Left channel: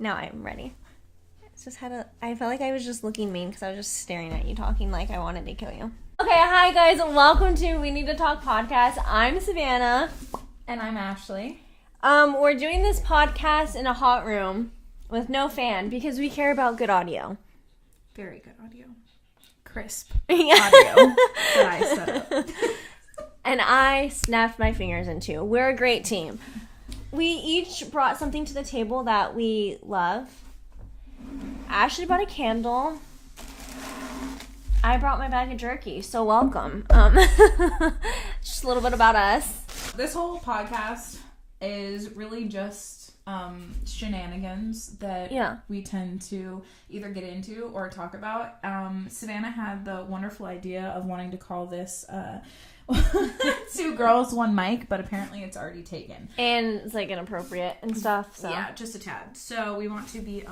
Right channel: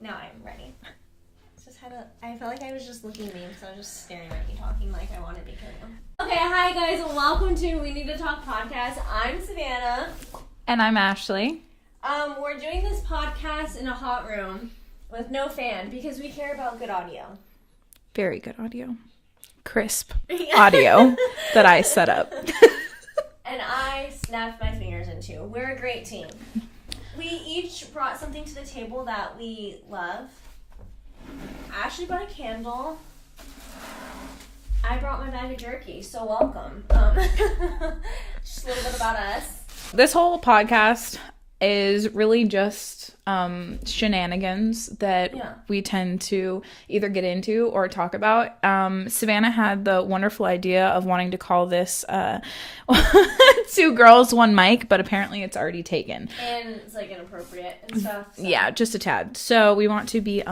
Now I'm ready. I felt like I was just looking mean because I was just staring at you talking like I wanted to kill you. Okay, hi guys, and welcome to We Need to Talk podcast. I'm Savannah. And I'm Ashley. We're doing this podcast in a hot room with no fan because we care about good audio. Very good audio. Crisp audio that I set up. And I snapped my fingers into. We're a great team. We each brought something to the table that we love. Ashley brought a candle. I brought my bag of jerky, so welcome. Just a little bit about us. This whole podcast is really just shenanigans that we tend to either get into or talk about. Savannah had the wonderful idea of wanting to call this Two Girls, One Mic, but apparently it's already taken. And it's like inappropriate and stuff. So. Yeah, just a tad. So we want to be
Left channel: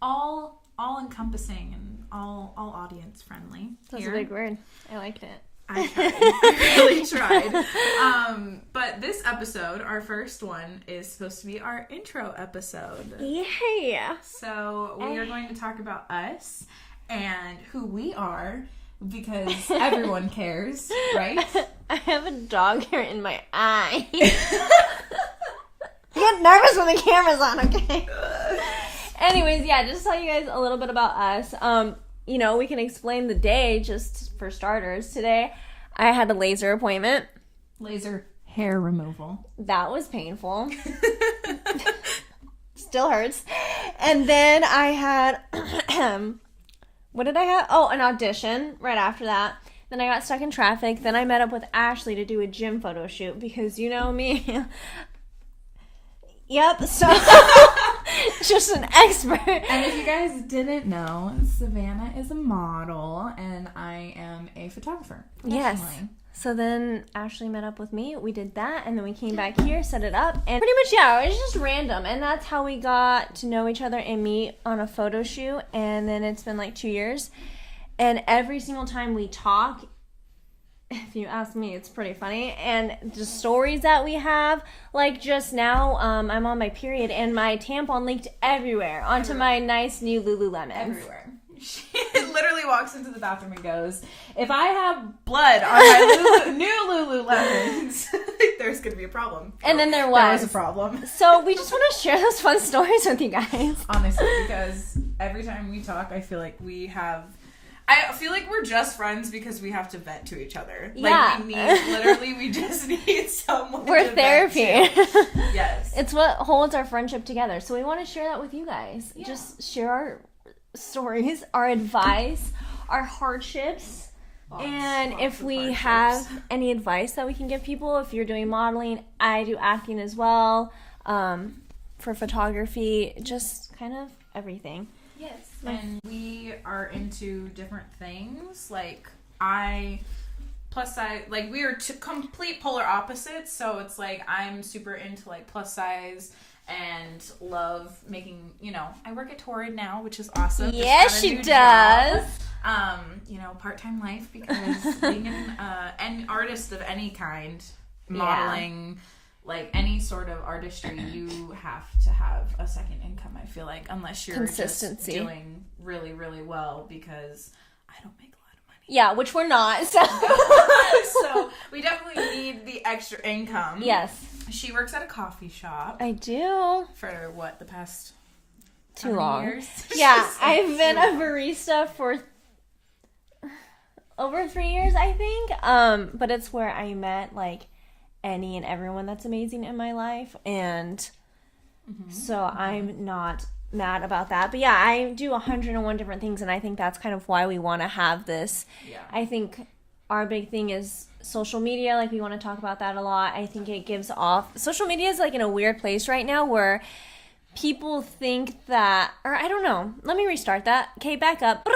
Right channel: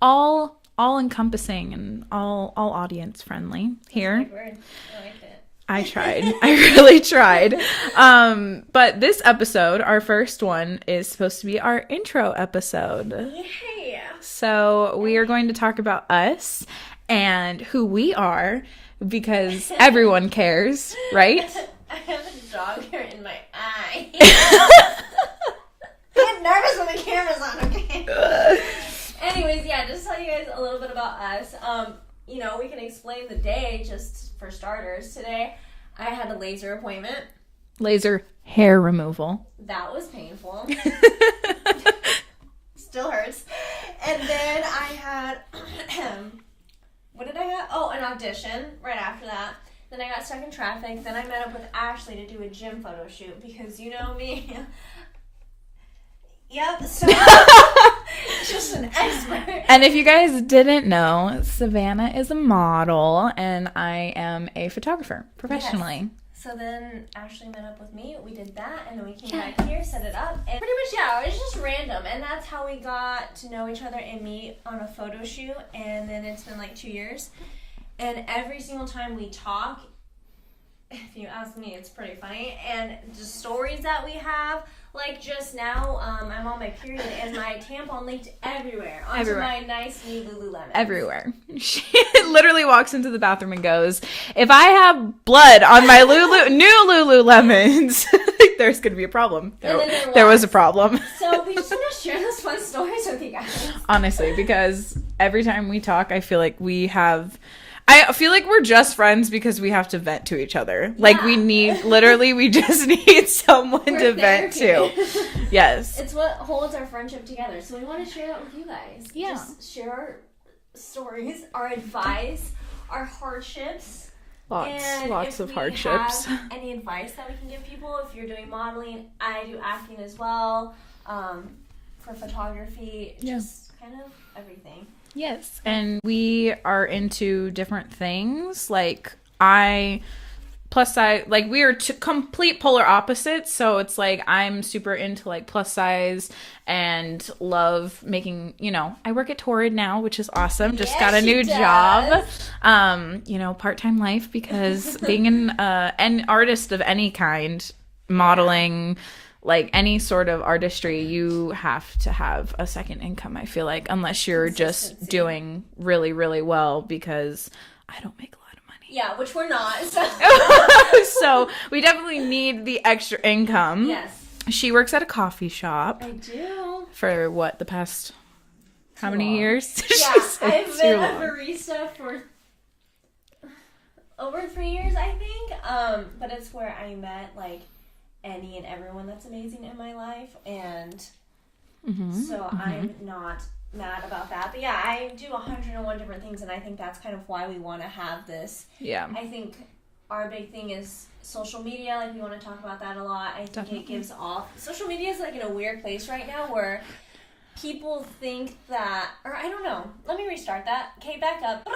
all encompassing and all audience friendly here. That's a big word. I like it. I tried. I really tried. But this episode, our first one, is supposed to be our intro episode. Yeah. So we are going to talk about us and who we are because everyone cares, right? I have a dog hair in my eye. I get nervous when the camera's on, okay? Anyways, yeah, just to tell you guys a little bit about us. We can explain the day just for starters. Today, I had a laser appointment. Laser hair removal. That was painful. Still hurts. And then I had, what did I have? Oh, an audition right after that. Then I got stuck in traffic. Then I met up with Ashley to do a gym photo shoot because you know me. Yep, so just an expert. And if you guys didn't know, Savannah is a model and I am a photographer professionally. Yes. So then Ashley met up with me. We did that and then we came back here, set it up. And pretty much, yeah, it was just random. And that's how we got to know each other and meet on a photo shoot. And then it's been like 2 years. And every single time we talk, if you ask me, it's pretty funny. And the stories that we have, like just now, I'm on my period and my tampon leaked everywhere onto my nice new Lululemon. Everywhere. She literally walks into the bathroom and goes, if I have blood on my new Lululemons, there's going to be a problem. And then there was a problem. So we just want to share those fun stories with you guys. Honestly, because every time we talk, I feel like I feel like we're just friends because we have to vent to each other. Yeah. Like we just need someone to vent to. Yes. It's what holds our friendship together. So we want to share that with you guys. Yeah. Just share our stories, our advice, our hardships. Lots if of we hardships. have any advice that we can give people, if you're doing modeling, I do acting as well, for photography, just kind of everything. Yes. And we are into different things. Like plus size, like we are complete polar opposites. So it's like I'm super into like plus size and love making, I work at Torrid now, which is awesome. Just got a new job. Part-time life because being an artist of any kind, modeling, like any sort of artistry, you have to have a second income, I feel like, unless you're just doing really, really well, because I don't make a lot of money. Yeah, which we're not. So we definitely need the extra income. Yes. She works at a coffee shop. I do. For what, the past how many years? Yeah, I've been a barista for over 3 years, I think. But it's where I met like any and everyone that's amazing in my life, and I'm not mad about that. But yeah, I do 101 different things, and I think that's kind of why we want to have this. Yeah. I think our big thing is social media. Like, we want to talk about that a lot. I think it gives off... Social media is like in a weird place right now where people think that... Or I don't know. Let me restart that. Okay, back up.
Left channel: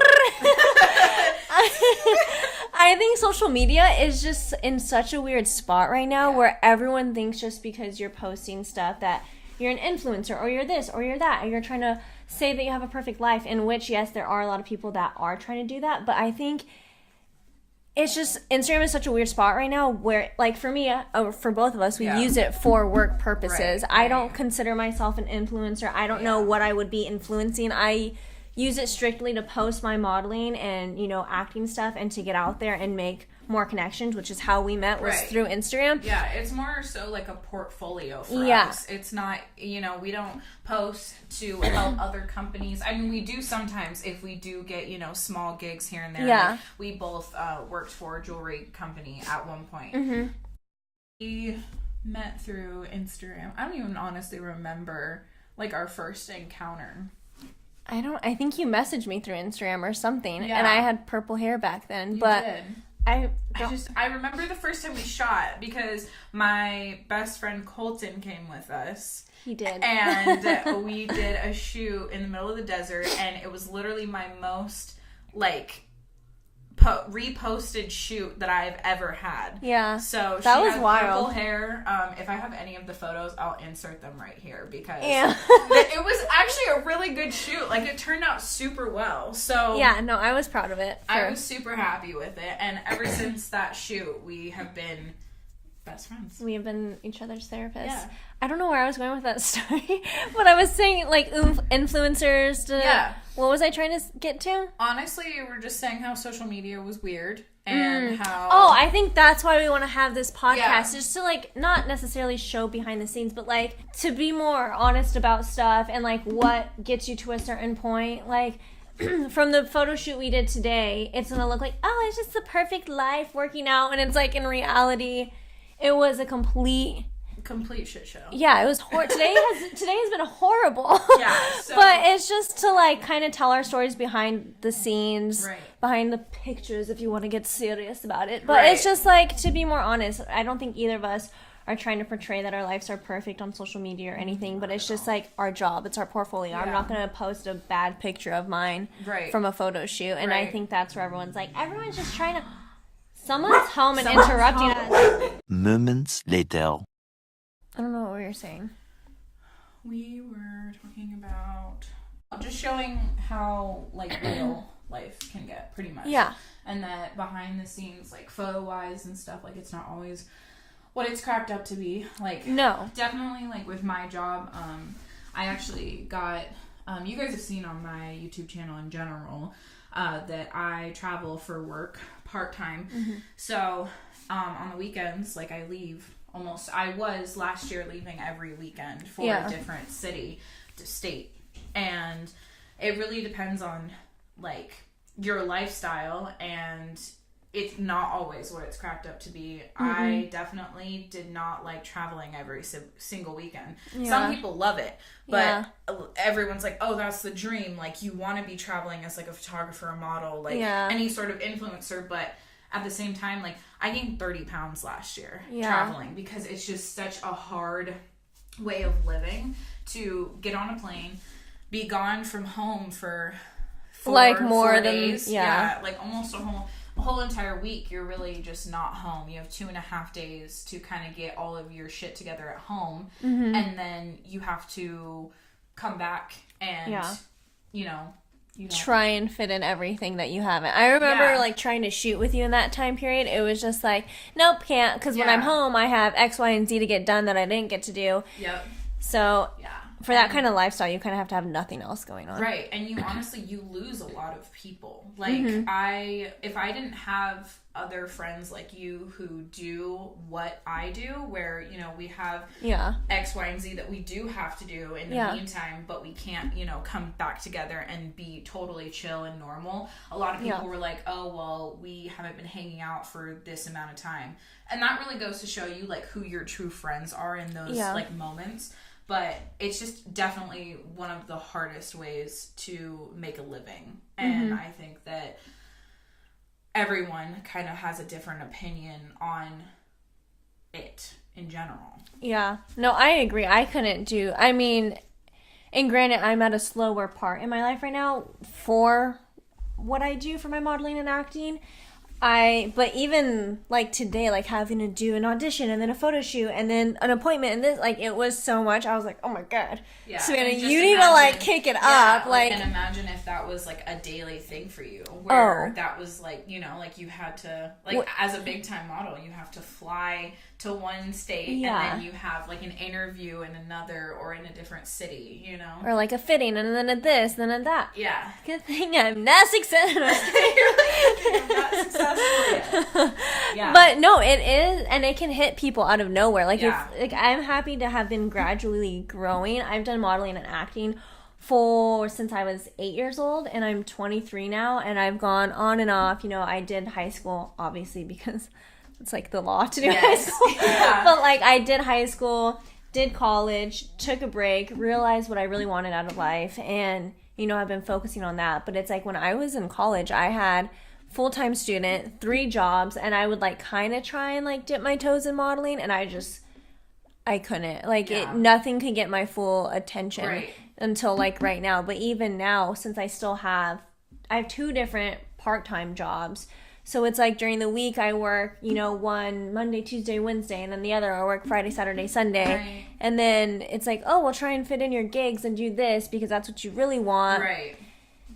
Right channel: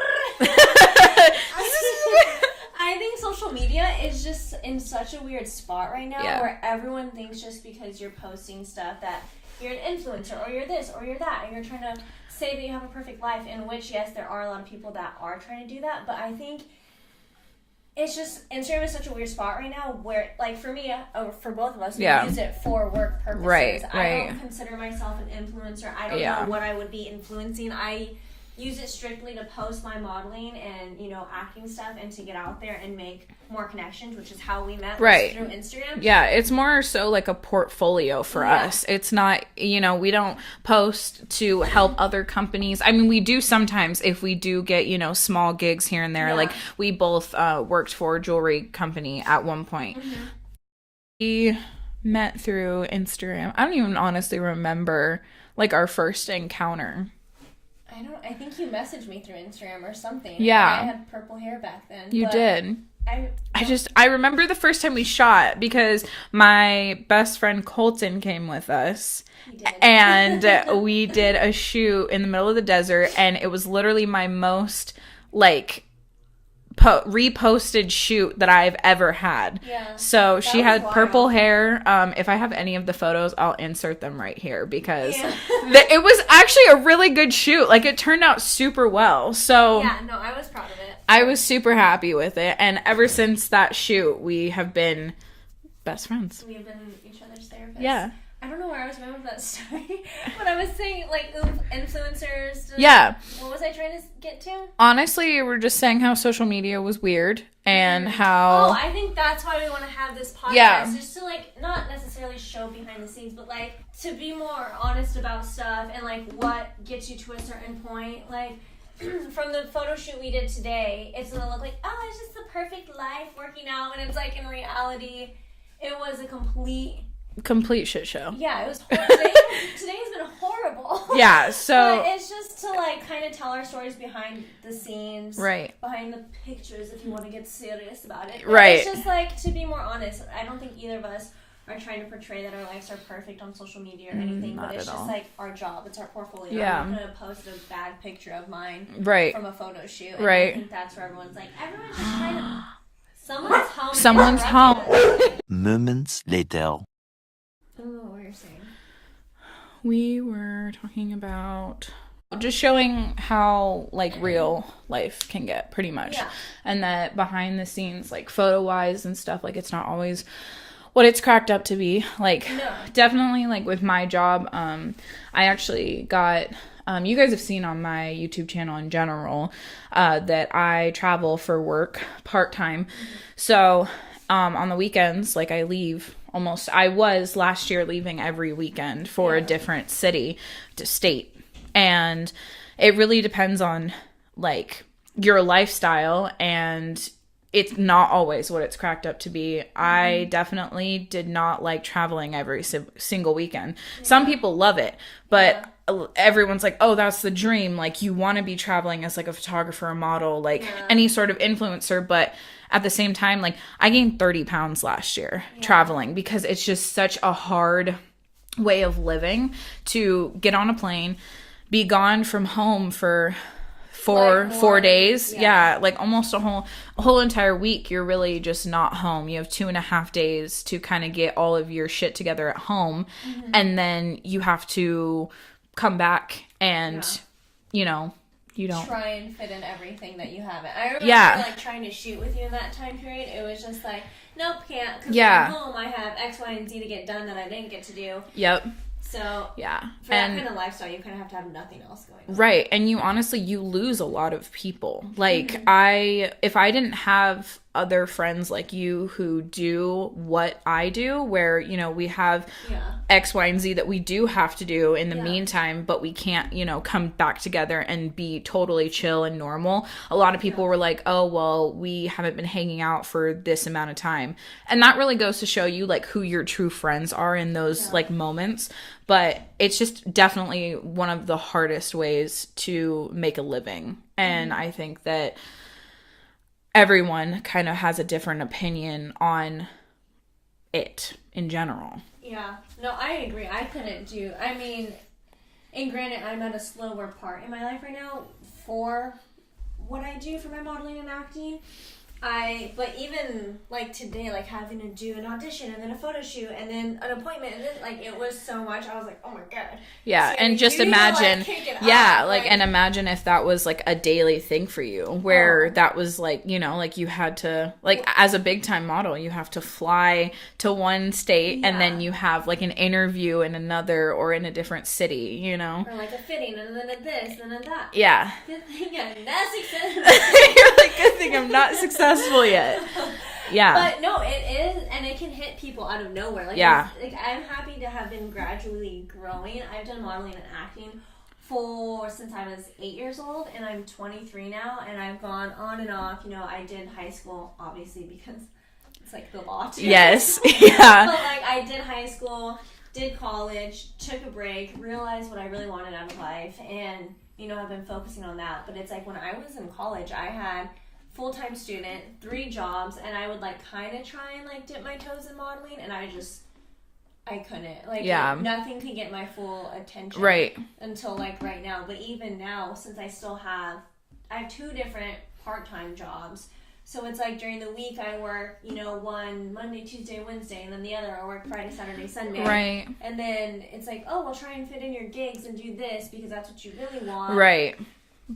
I think social media is just in such a weird spot right now where everyone thinks just because you're posting stuff that you're an influencer or you're this or you're that, or you're trying to say that you have a perfect life, in which, yes, there are a lot of people that are trying to do that, but I think it's just Instagram is such a weird spot right now where, like, for me, for both of us, we use it for work purposes. Right. I don't consider myself an influencer. I don't know what I would be influencing. I use it strictly to post my modeling and, you know, acting stuff and to get out there and make more connections, which is how we met, was through Instagram. Yeah, it's more so like a portfolio for us. It's not, you know, we don't post to help other companies. I mean, we do sometimes if we do get, you know, small gigs here and there. Like, we both worked for a jewelry company at one point. We met through Instagram. I don't even honestly remember, like, our first encounter. I think you messaged me through Instagram or something. Yeah. And I had purple hair back then. You did. I remember the first time we shot because my best friend Colton came with us. He did. And we did a shoot in the middle of the desert, and it was literally my most, like, reposted shoot that I've ever had. Yeah. So she had purple hair. If I have any of the photos, I'll insert them right here because it was actually a really good shoot. Like, it turned out super well. So yeah, no, I was proud of it. I was super happy with it. And ever since that shoot, we have been best friends. We have been each other's therapists. Yeah. I don't know where I was going with that story, but I was saying, like, influencers. What was I trying to get to? Honestly, we're just saying how social media was weird and how... Oh, I think that's why we want to have this podcast, just to, like, not necessarily show behind the scenes, but, like, to be more honest about stuff and, like, what gets you to a certain point. Like, from the photo shoot we did today, it's going to look like, oh, it's just the perfect life working out, and it's, like, in reality, it was a complete shit show. Yeah, it was today has been horrible. Yeah, so but it's just to, like, kind of tell our stories behind the scenes, behind the pictures, if you want to get serious about it. But it's just, like, to be more honest. I don't think either of us are trying to portray that our lives are perfect on social media or anything, but it's just like our job. It's our portfolio. I'm not going to post a bad picture of mine from a photo shoot. And I think that's where everyone's like, everyone's just trying to... Someone's home and interrupt you. Moments later. I don't know what we were saying. We were talking about just showing how, like, real life can get, pretty much. Yeah. And that behind the scenes, like, photo-wise and stuff, like, it's not always what it's cracked up to be. Like, no. Definitely, like, with my job, I actually got... you guys have seen on my YouTube channel in general that I travel for work part-time. So on the weekends, like, I leave... I was last year leaving every weekend for a different state. And it really depends on, like, your lifestyle, and it's not always what it's cracked up to be. I definitely did not like traveling every single weekend. Some people love it, but everyone's like, oh, that's the dream. Like, you want to be traveling as, like, a photographer, a model, like any sort of influencer, but at the same time, like, I gained 30 pounds last year traveling because it's just such a hard way of living to get on a plane, be gone from home for four days. Like almost a whole entire week. You're really just not home. You have 2.5 days to kind of get all of your shit together at home. And then you have to come back and, you know, you don't try and fit in everything that you haven't. I remember like trying to shoot with you in that time period. It was just like, nope, can't, because when I'm home I have X, Y, and Z to get done that I didn't get to do. So for that kind of lifestyle, you kind of have to have nothing else going on. Right. And you honestly, you lose a lot of people. Like, if I didn't have other friends like you who do what I do, where, you know, we have X, Y, and Z that we do have to do in the meantime, but we can't, you know, come back together and be totally chill and normal. A lot of people were like, oh, well, we haven't been hanging out for this amount of time. And that really goes to show you, like, who your true friends are in those, like, moments. But it's just definitely one of the hardest ways to make a living. And I think that everyone kind of has a different opinion on it in general. Yeah. No, I agree. I couldn't do... I mean, and granted, I'm at a slower part in my life right now for what I do for my modeling and acting. But even like today, like having to do an audition and then a photo shoot and then an appointment and this, like it was so much. I was like, oh my God. Yeah, so, and just you imagine, need to, like, kick it yeah, up. like, and imagine if that was like a daily thing for you, where that was like, you know, like you had to, like as a big time model, you have to fly to one state and then you have like an interview in another or in a different city, you know, or like a fitting and then a this, then a that. Yeah. Good thing I'm not successful. You're like, good thing I'm not successful yet. Yeah. But no, it is, and it can hit people out of nowhere. Like, like I'm happy to have been gradually growing. I've done modeling and acting since I was 8 years old, and I'm 23 now, and I've gone on and off. You know, I did high school, obviously, because it's like the law to do high school. Yeah. But like, I did high school, did college, took a break, realized what I really wanted out of life, and, you know, I've been focusing on that. But it's like when I was in college, I had full-time student, 3 jobs, and I would like kind of try and like dip my toes in modeling, and I couldn't. Like, nothing could get my full attention. Right. Until, like, right now. But even now, since I have 2 different part-time jobs. So it's like during the week I work, you know, one Monday, Tuesday, Wednesday, and then the other I work Friday, Saturday, Sunday. Right. And then it's like, oh, well, try and fit in your gigs and do this because that's what you really want. Right.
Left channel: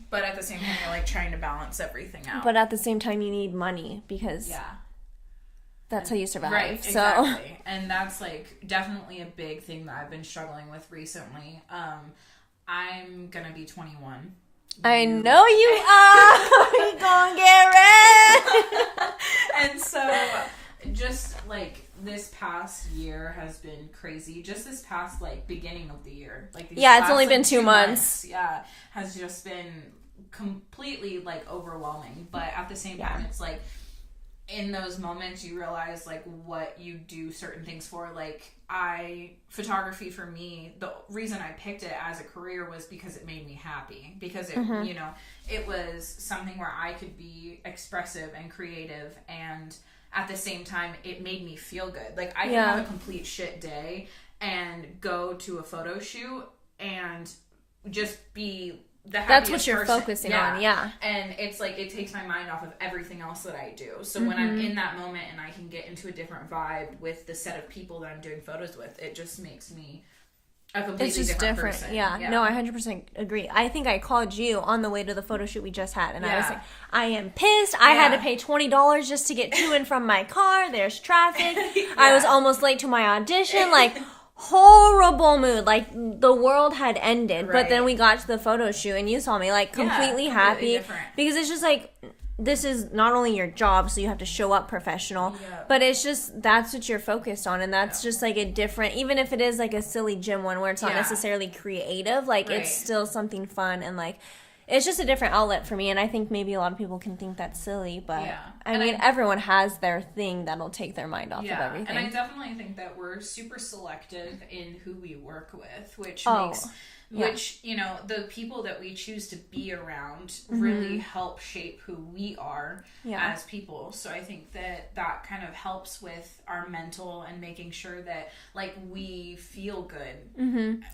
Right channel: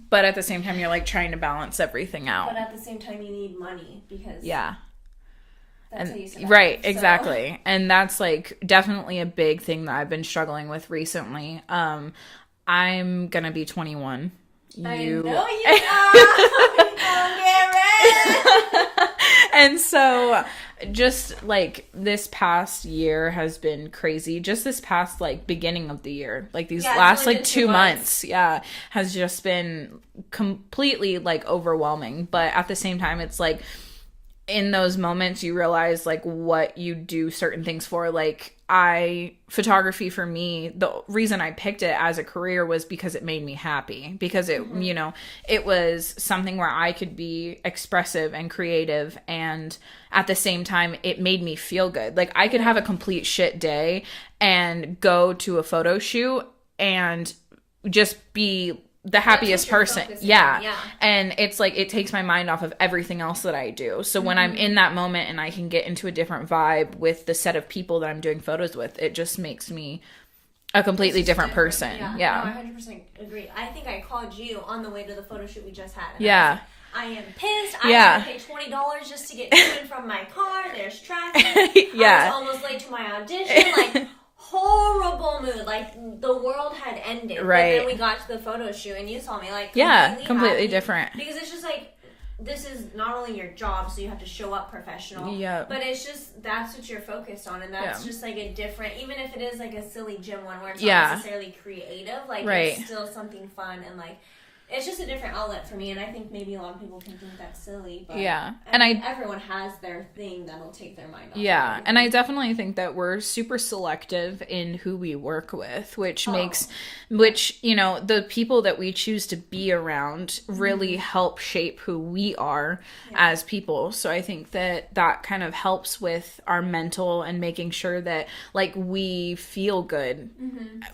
But at the same time, you're, like, trying to balance everything out. But at the same time, you need money because... Yeah. That's how you survive. Right, exactly. And that's, like, definitely a big thing that I've been struggling with recently. I'm gonna be 21. I know you are! You're gonna get rich! And so, just, like, this past year has been crazy. Just this past, like, beginning of the year. Like, these last, like, 2 months. Yeah, has just been completely, like, overwhelming. But at the same time, it's, like... in those moments you realize like what you do certain things for. Like photography for me, the reason I picked it as a career was because it made me happy, because it you know, it was something where I could be expressive and creative, and at the same time it made me feel good. Like I could have a complete shit day and go to a photo shoot and just be the happiest person. Yeah. And it's like it takes my mind off of everything else that I do. So when I'm in that moment and I can get into a different vibe with the set of people that I'm doing photos with, it just makes me a completely different person. Yeah. No, I 100% agree. I think I called you on the way to the photo shoot we just had, and I was like, I am pissed. I had to pay $20 just to get to and from my car. There's traffic. I was almost late to my audition. Like, horrible mood. Like, the world had ended. Right. But then we got to the photo shoot, and you saw me, like, completely happy. Different. Because it's just, like, this is not only your job, so you have to show up professional. Yeah. But it's just, that's what you're focused on. And that's just, like, a different, even if it is, like, a silly gym one where it's not necessarily creative, like, it's still something fun and, like, it's just a different outlet for me, and I think maybe a lot of people can think that's silly, but I mean, everyone has their thing that'll take their mind off. Yeah, and I definitely think that we're super selective in who we work with, which makes, you know, the people that we choose to be around really help shape who we are as people. So I think that that kind of helps with our mental and making sure that, like, we feel good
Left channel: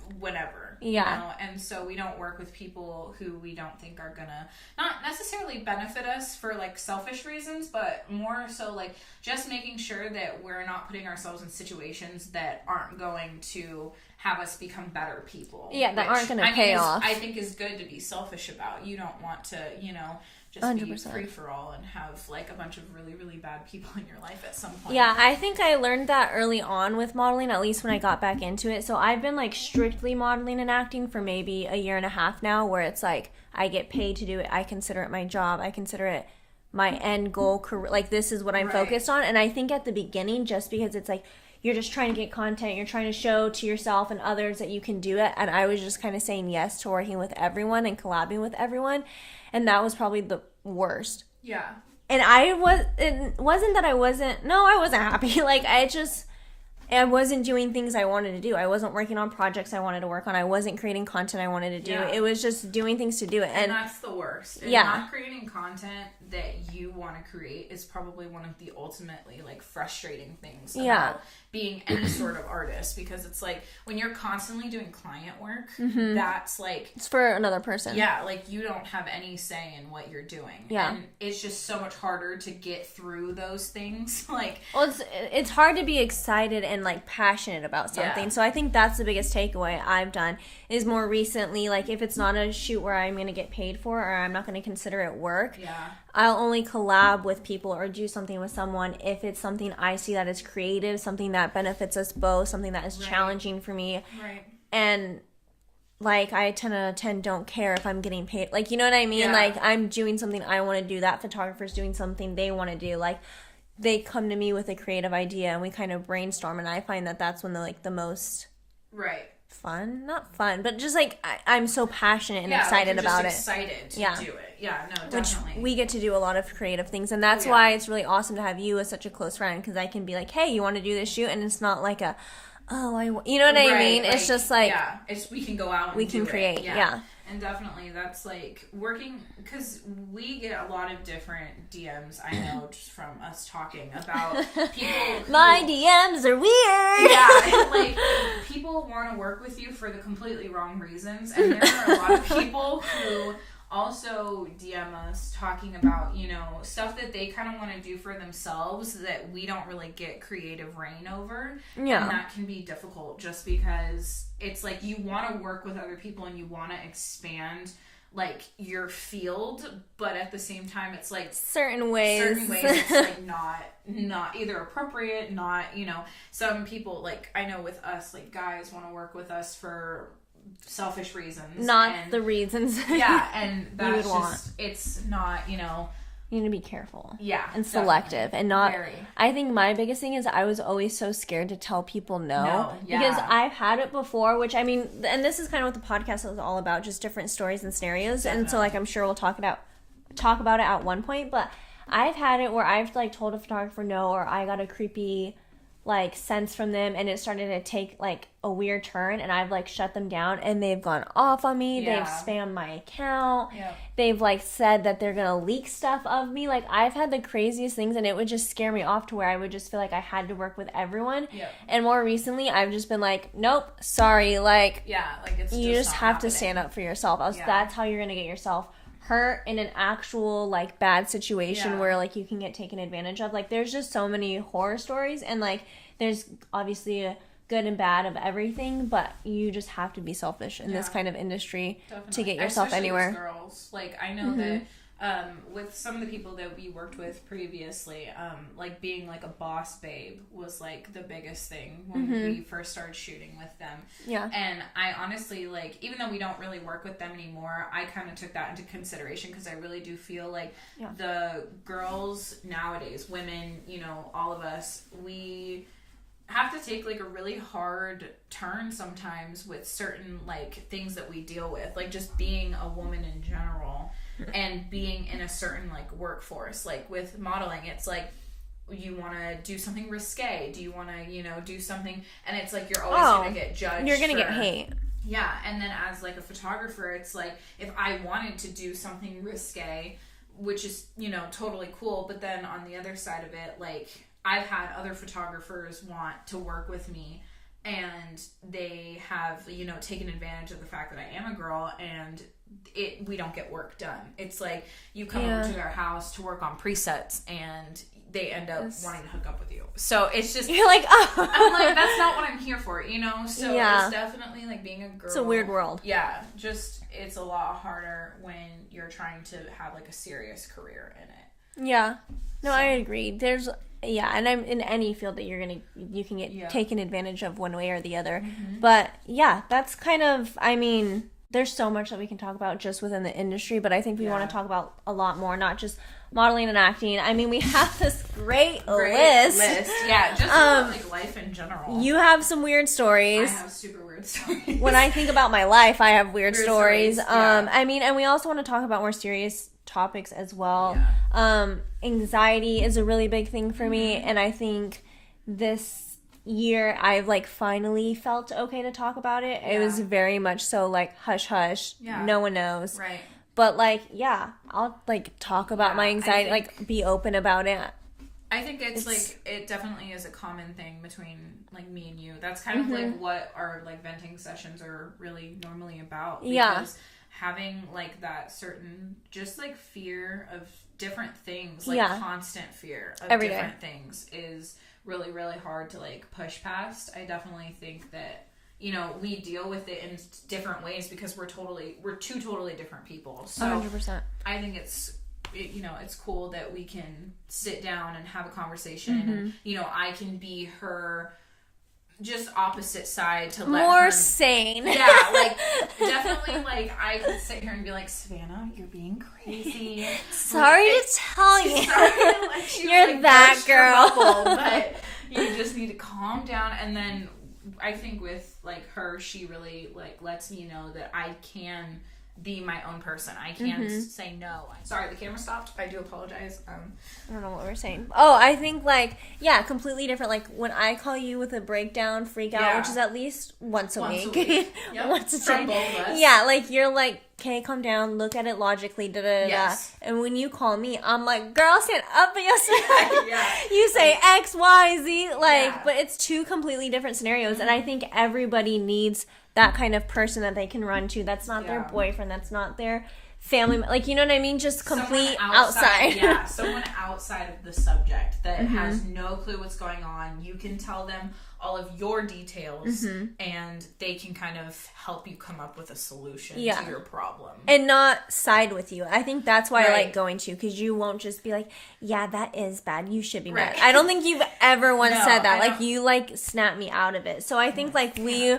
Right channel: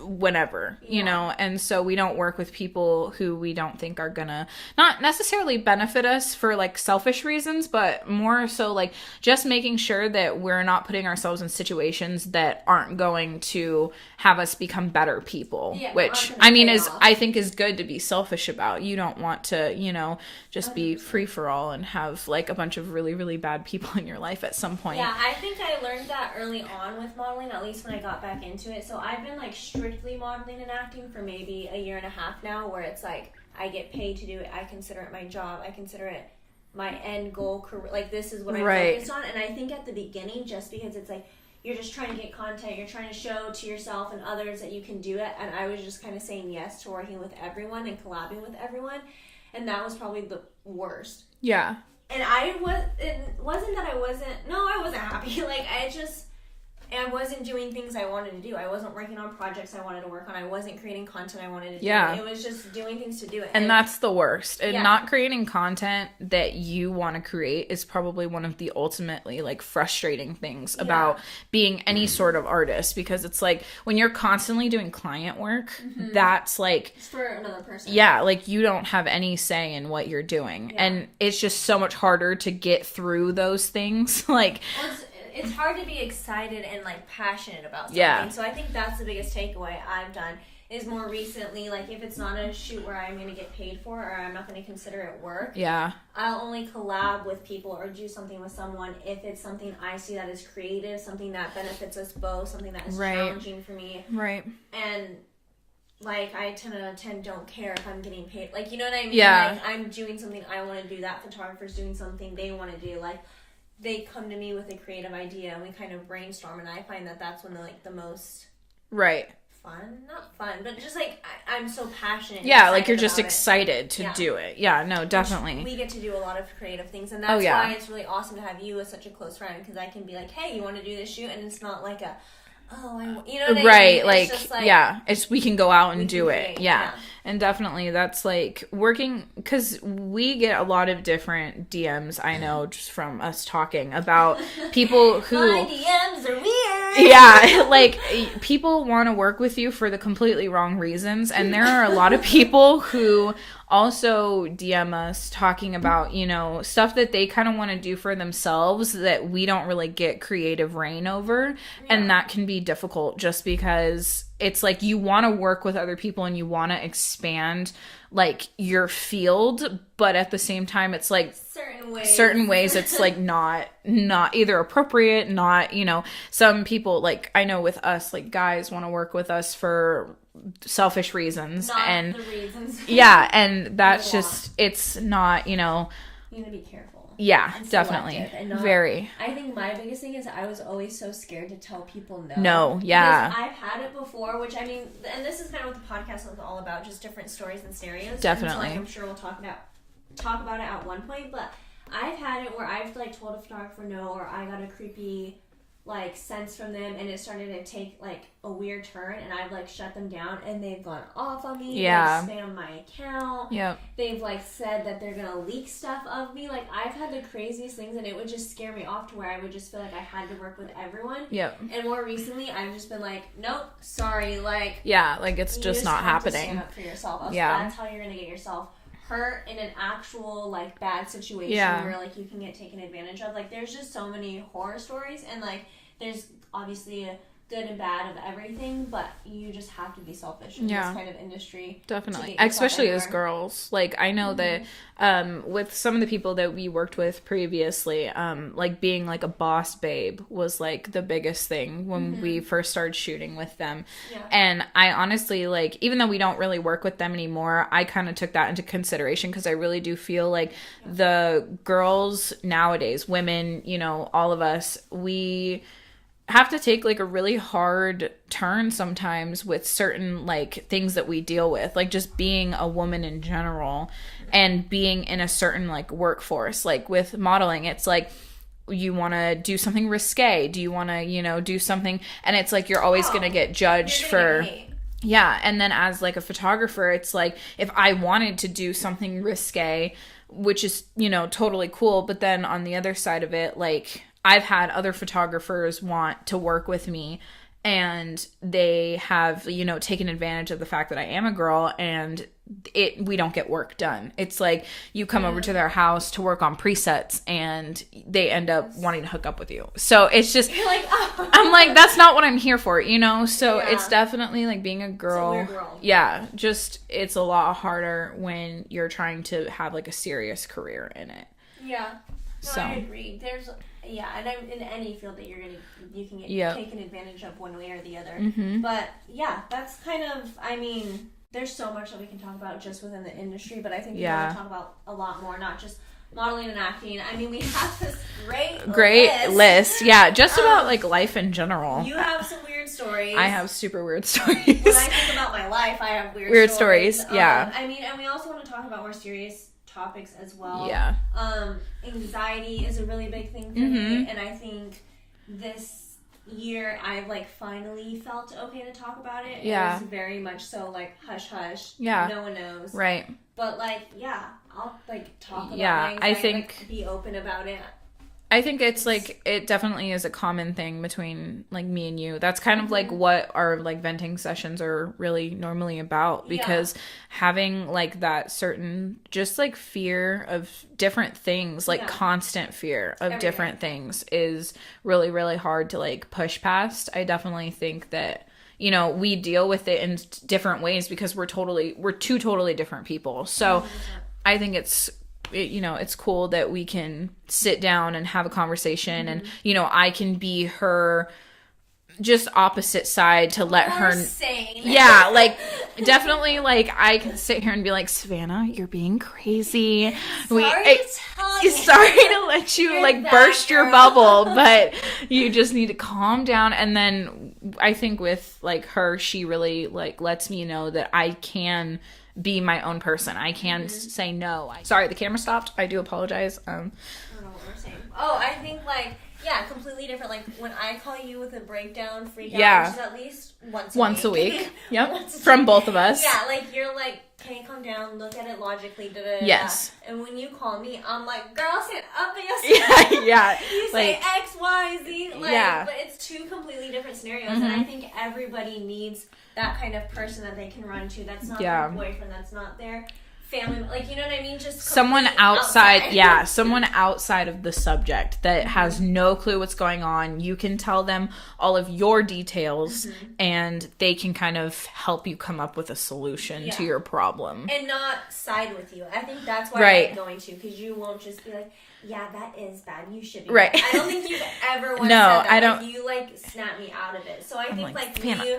whenever, you know, and so we don't work with people who we don't think are gonna not necessarily benefit us for like selfish reasons, but more so like just making sure that we're not putting ourselves in situations that aren't going to have us become better people, which I mean I think is good to be selfish about. You don't want to, you know, just 100%. Be free for all and have like a bunch of really, really bad people in your life at some point. Yeah, I think I learned that early on with modeling, at least when I got back into it. So I've been like strictly modeling and acting for maybe a year and a half now, where it's like I get paid to do it. I consider it my job. I consider it my end goal career. Like, this is what I'm focused on. And I think at the beginning, just because it's like you're just trying to get content, you're trying to show to yourself and others that you can do it. And I was just kind of saying yes to working with everyone and collabing with everyone. And that was probably the worst. Yeah. And it wasn't that I wasn't happy. Like, I wasn't doing things I wanted to do. I wasn't working on projects I wanted to work on. I wasn't creating content I wanted to do. Yeah. It was just doing things to do it. And that's the worst. And not creating content that you want to create is probably one of the ultimately like frustrating things about being any sort of artist, because it's like when you're constantly doing client work, that's like it's for another person. Yeah, like you don't have any say in what you're doing. Yeah. And it's just so much harder to get through those things. Like, well, it's hard to be excited and like passionate about something. Yeah. So I think that's the biggest takeaway I've done is more recently, like if it's not a shoot where I'm going to get paid for or I'm not going to consider it work, I'll only collab with people or do something with someone if it's something I see that is creative, something that benefits us both, something that is challenging for me. Right. And like I 10 out of 10 don't care if I'm getting paid. Like, you know what I mean? Yeah. Like I'm doing something I want to do. That photographer's doing something they want to do. Like they come to me with a creative idea and we kind of brainstorm, and I find that that's when the most fun, not fun, but just like I'm so passionate and excited like you're just about excited to do it. Yeah, no, definitely. We get to do a lot of creative things, and that's why it's really awesome to have you as such a close friend, because I can be like, hey, you want to do this shoot? And it's not like a you know what I mean? Like, it's just like it's we can go out and do create, it. Yeah. And definitely that's like working, because we get a lot of different DMs, I know, just from us talking about people who my DMs are weird. Yeah, like people want to work with you for the completely wrong reasons, and there are a lot of people who also DM us talking about, you know, stuff that they kind of want to do for themselves that we don't really get creative reign over. And that can be difficult just because it's like you want to work with other people and you want to expand like your field, but at the same time it's like certain ways it's like not either appropriate, not, you know, some people, like I know with us, like guys want to work with us for selfish reasons, not the reasons and that's just it's not, you know, you need to be careful and selective definitely and not very. I think my biggest thing is I was always so scared to tell people no because I've had it before, which I mean, and this is kind of what the podcast is all about, just different stories and scenarios. Definitely. And so like I'm sure we'll talk about it at one point, but I've had it where I've like told a photographer no, or I got a creepy like sense from them and it started to take like a weird turn and I've like shut them down and they've gone off on me. They've spammed my account. They've like said that they're gonna leak stuff of me. Like I've had the craziest things and it would just scare me off to where I would just feel like I had to work with everyone. And more recently I've just been like, nope, sorry, like like it's just not happening. You just have to stand up for yourself. That's how you're gonna get yourself hurt in an actual like bad situation where like you can get taken advantage of. Like there's just so many horror stories, and like there's obviously a good and bad of everything, but you just have to be selfish in this kind of industry. Definitely. To get yourself especially anywhere. As girls. Like I know that with some of the people that we worked with previously, like being like a boss babe was like the biggest thing when we first started shooting with them. And I honestly, like, even though we don't really work with them anymore, I kind of took that into consideration because I really do feel like the girls nowadays, women, you know, all of us, we have to take like a really hard turn sometimes with certain like things that we deal with, like just being a woman in general and being in a certain like workforce. Like with modeling, it's like you want to do something risque, do you want to, you know, do something, and it's like you're always going to get judged, you're gonna get hate. And then as like a photographer, it's like if I wanted to do something risque, which is, you know, totally cool, but then on the other side of it, like I've had other photographers want to work with me and they have, you know, taken advantage of the fact that I am a girl and we don't get work done. It's like you come over to their house to work on presets and they end up wanting to hook up with you. So it's just, you're like, oh. I'm like, that's not what I'm here for, you know? So it's definitely like being a girl. It's a weird world. Yeah. Just, it's a lot harder when you're trying to have like a serious career in it. Yeah. No, I agree. There's, and I'm in any field that you can get taken advantage of one way or the other. But that's kind of, I mean, there's so much that we can talk about just within the industry, but I think we want to talk about a lot more, not just modeling and acting. I mean, we have this great list. Yeah, just about like life in general. You have some weird stories. I have super weird stories. When I think about my life, I have weird stories. Yeah. I mean, and we also want to talk about more serious topics as well. Yeah. Anxiety is a really big thing for me, and I think this year I've like finally felt okay to talk about it. It was very much so like hush hush. Yeah. No one knows. Right. But like, I'll like talk about my anxiety, like be open about it. I think it's like, it definitely is a common thing between like me and you. That's kind of like what our like venting sessions are really normally about, because having like that certain just like fear of different things, like constant fear of different things is really, really hard to like push past. I definitely think that, you know, we deal with it in different ways because we're two totally different people. So 100%. I think it's cool that we can sit down and have a conversation and, you know, I can be her just opposite side to let her... More sane. Yeah, like, definitely, like, I can sit here and be like, Savannah, you're being crazy. Sorry to tell you. Sorry to let you, like, burst your bubble, but you just need to calm down. And then I think with, like, her, she really, like, lets me know that I can be my own person. I can say no. Sorry, the camera stopped. I do apologize. I don't know what we're saying. Oh, I think like, completely different. Like when I call you with a breakdown, freak out, which is at least once a week. Yep. From both of us. Yeah, like you're like, okay, calm down, look at it logically, Yes. And when you call me, I'm like, girl, stand up for yourself. Yeah. You say like, X, Y, Z. Like, but it's two completely different scenarios. And I think everybody needs that kind of person that they can run to. That's not their boyfriend. That's not their family. Like, you know what I mean? Just someone outside. Yeah, someone outside of the subject that has no clue what's going on. You can tell them all of your details and they can kind of help you come up with a solution to your problem. And not side with you. I think that's why I like going to, because you won't just be like, yeah, that is bad. You should be mad. I don't think you've ever once said that. Like, you, like, snap me out of it. So I think, like, we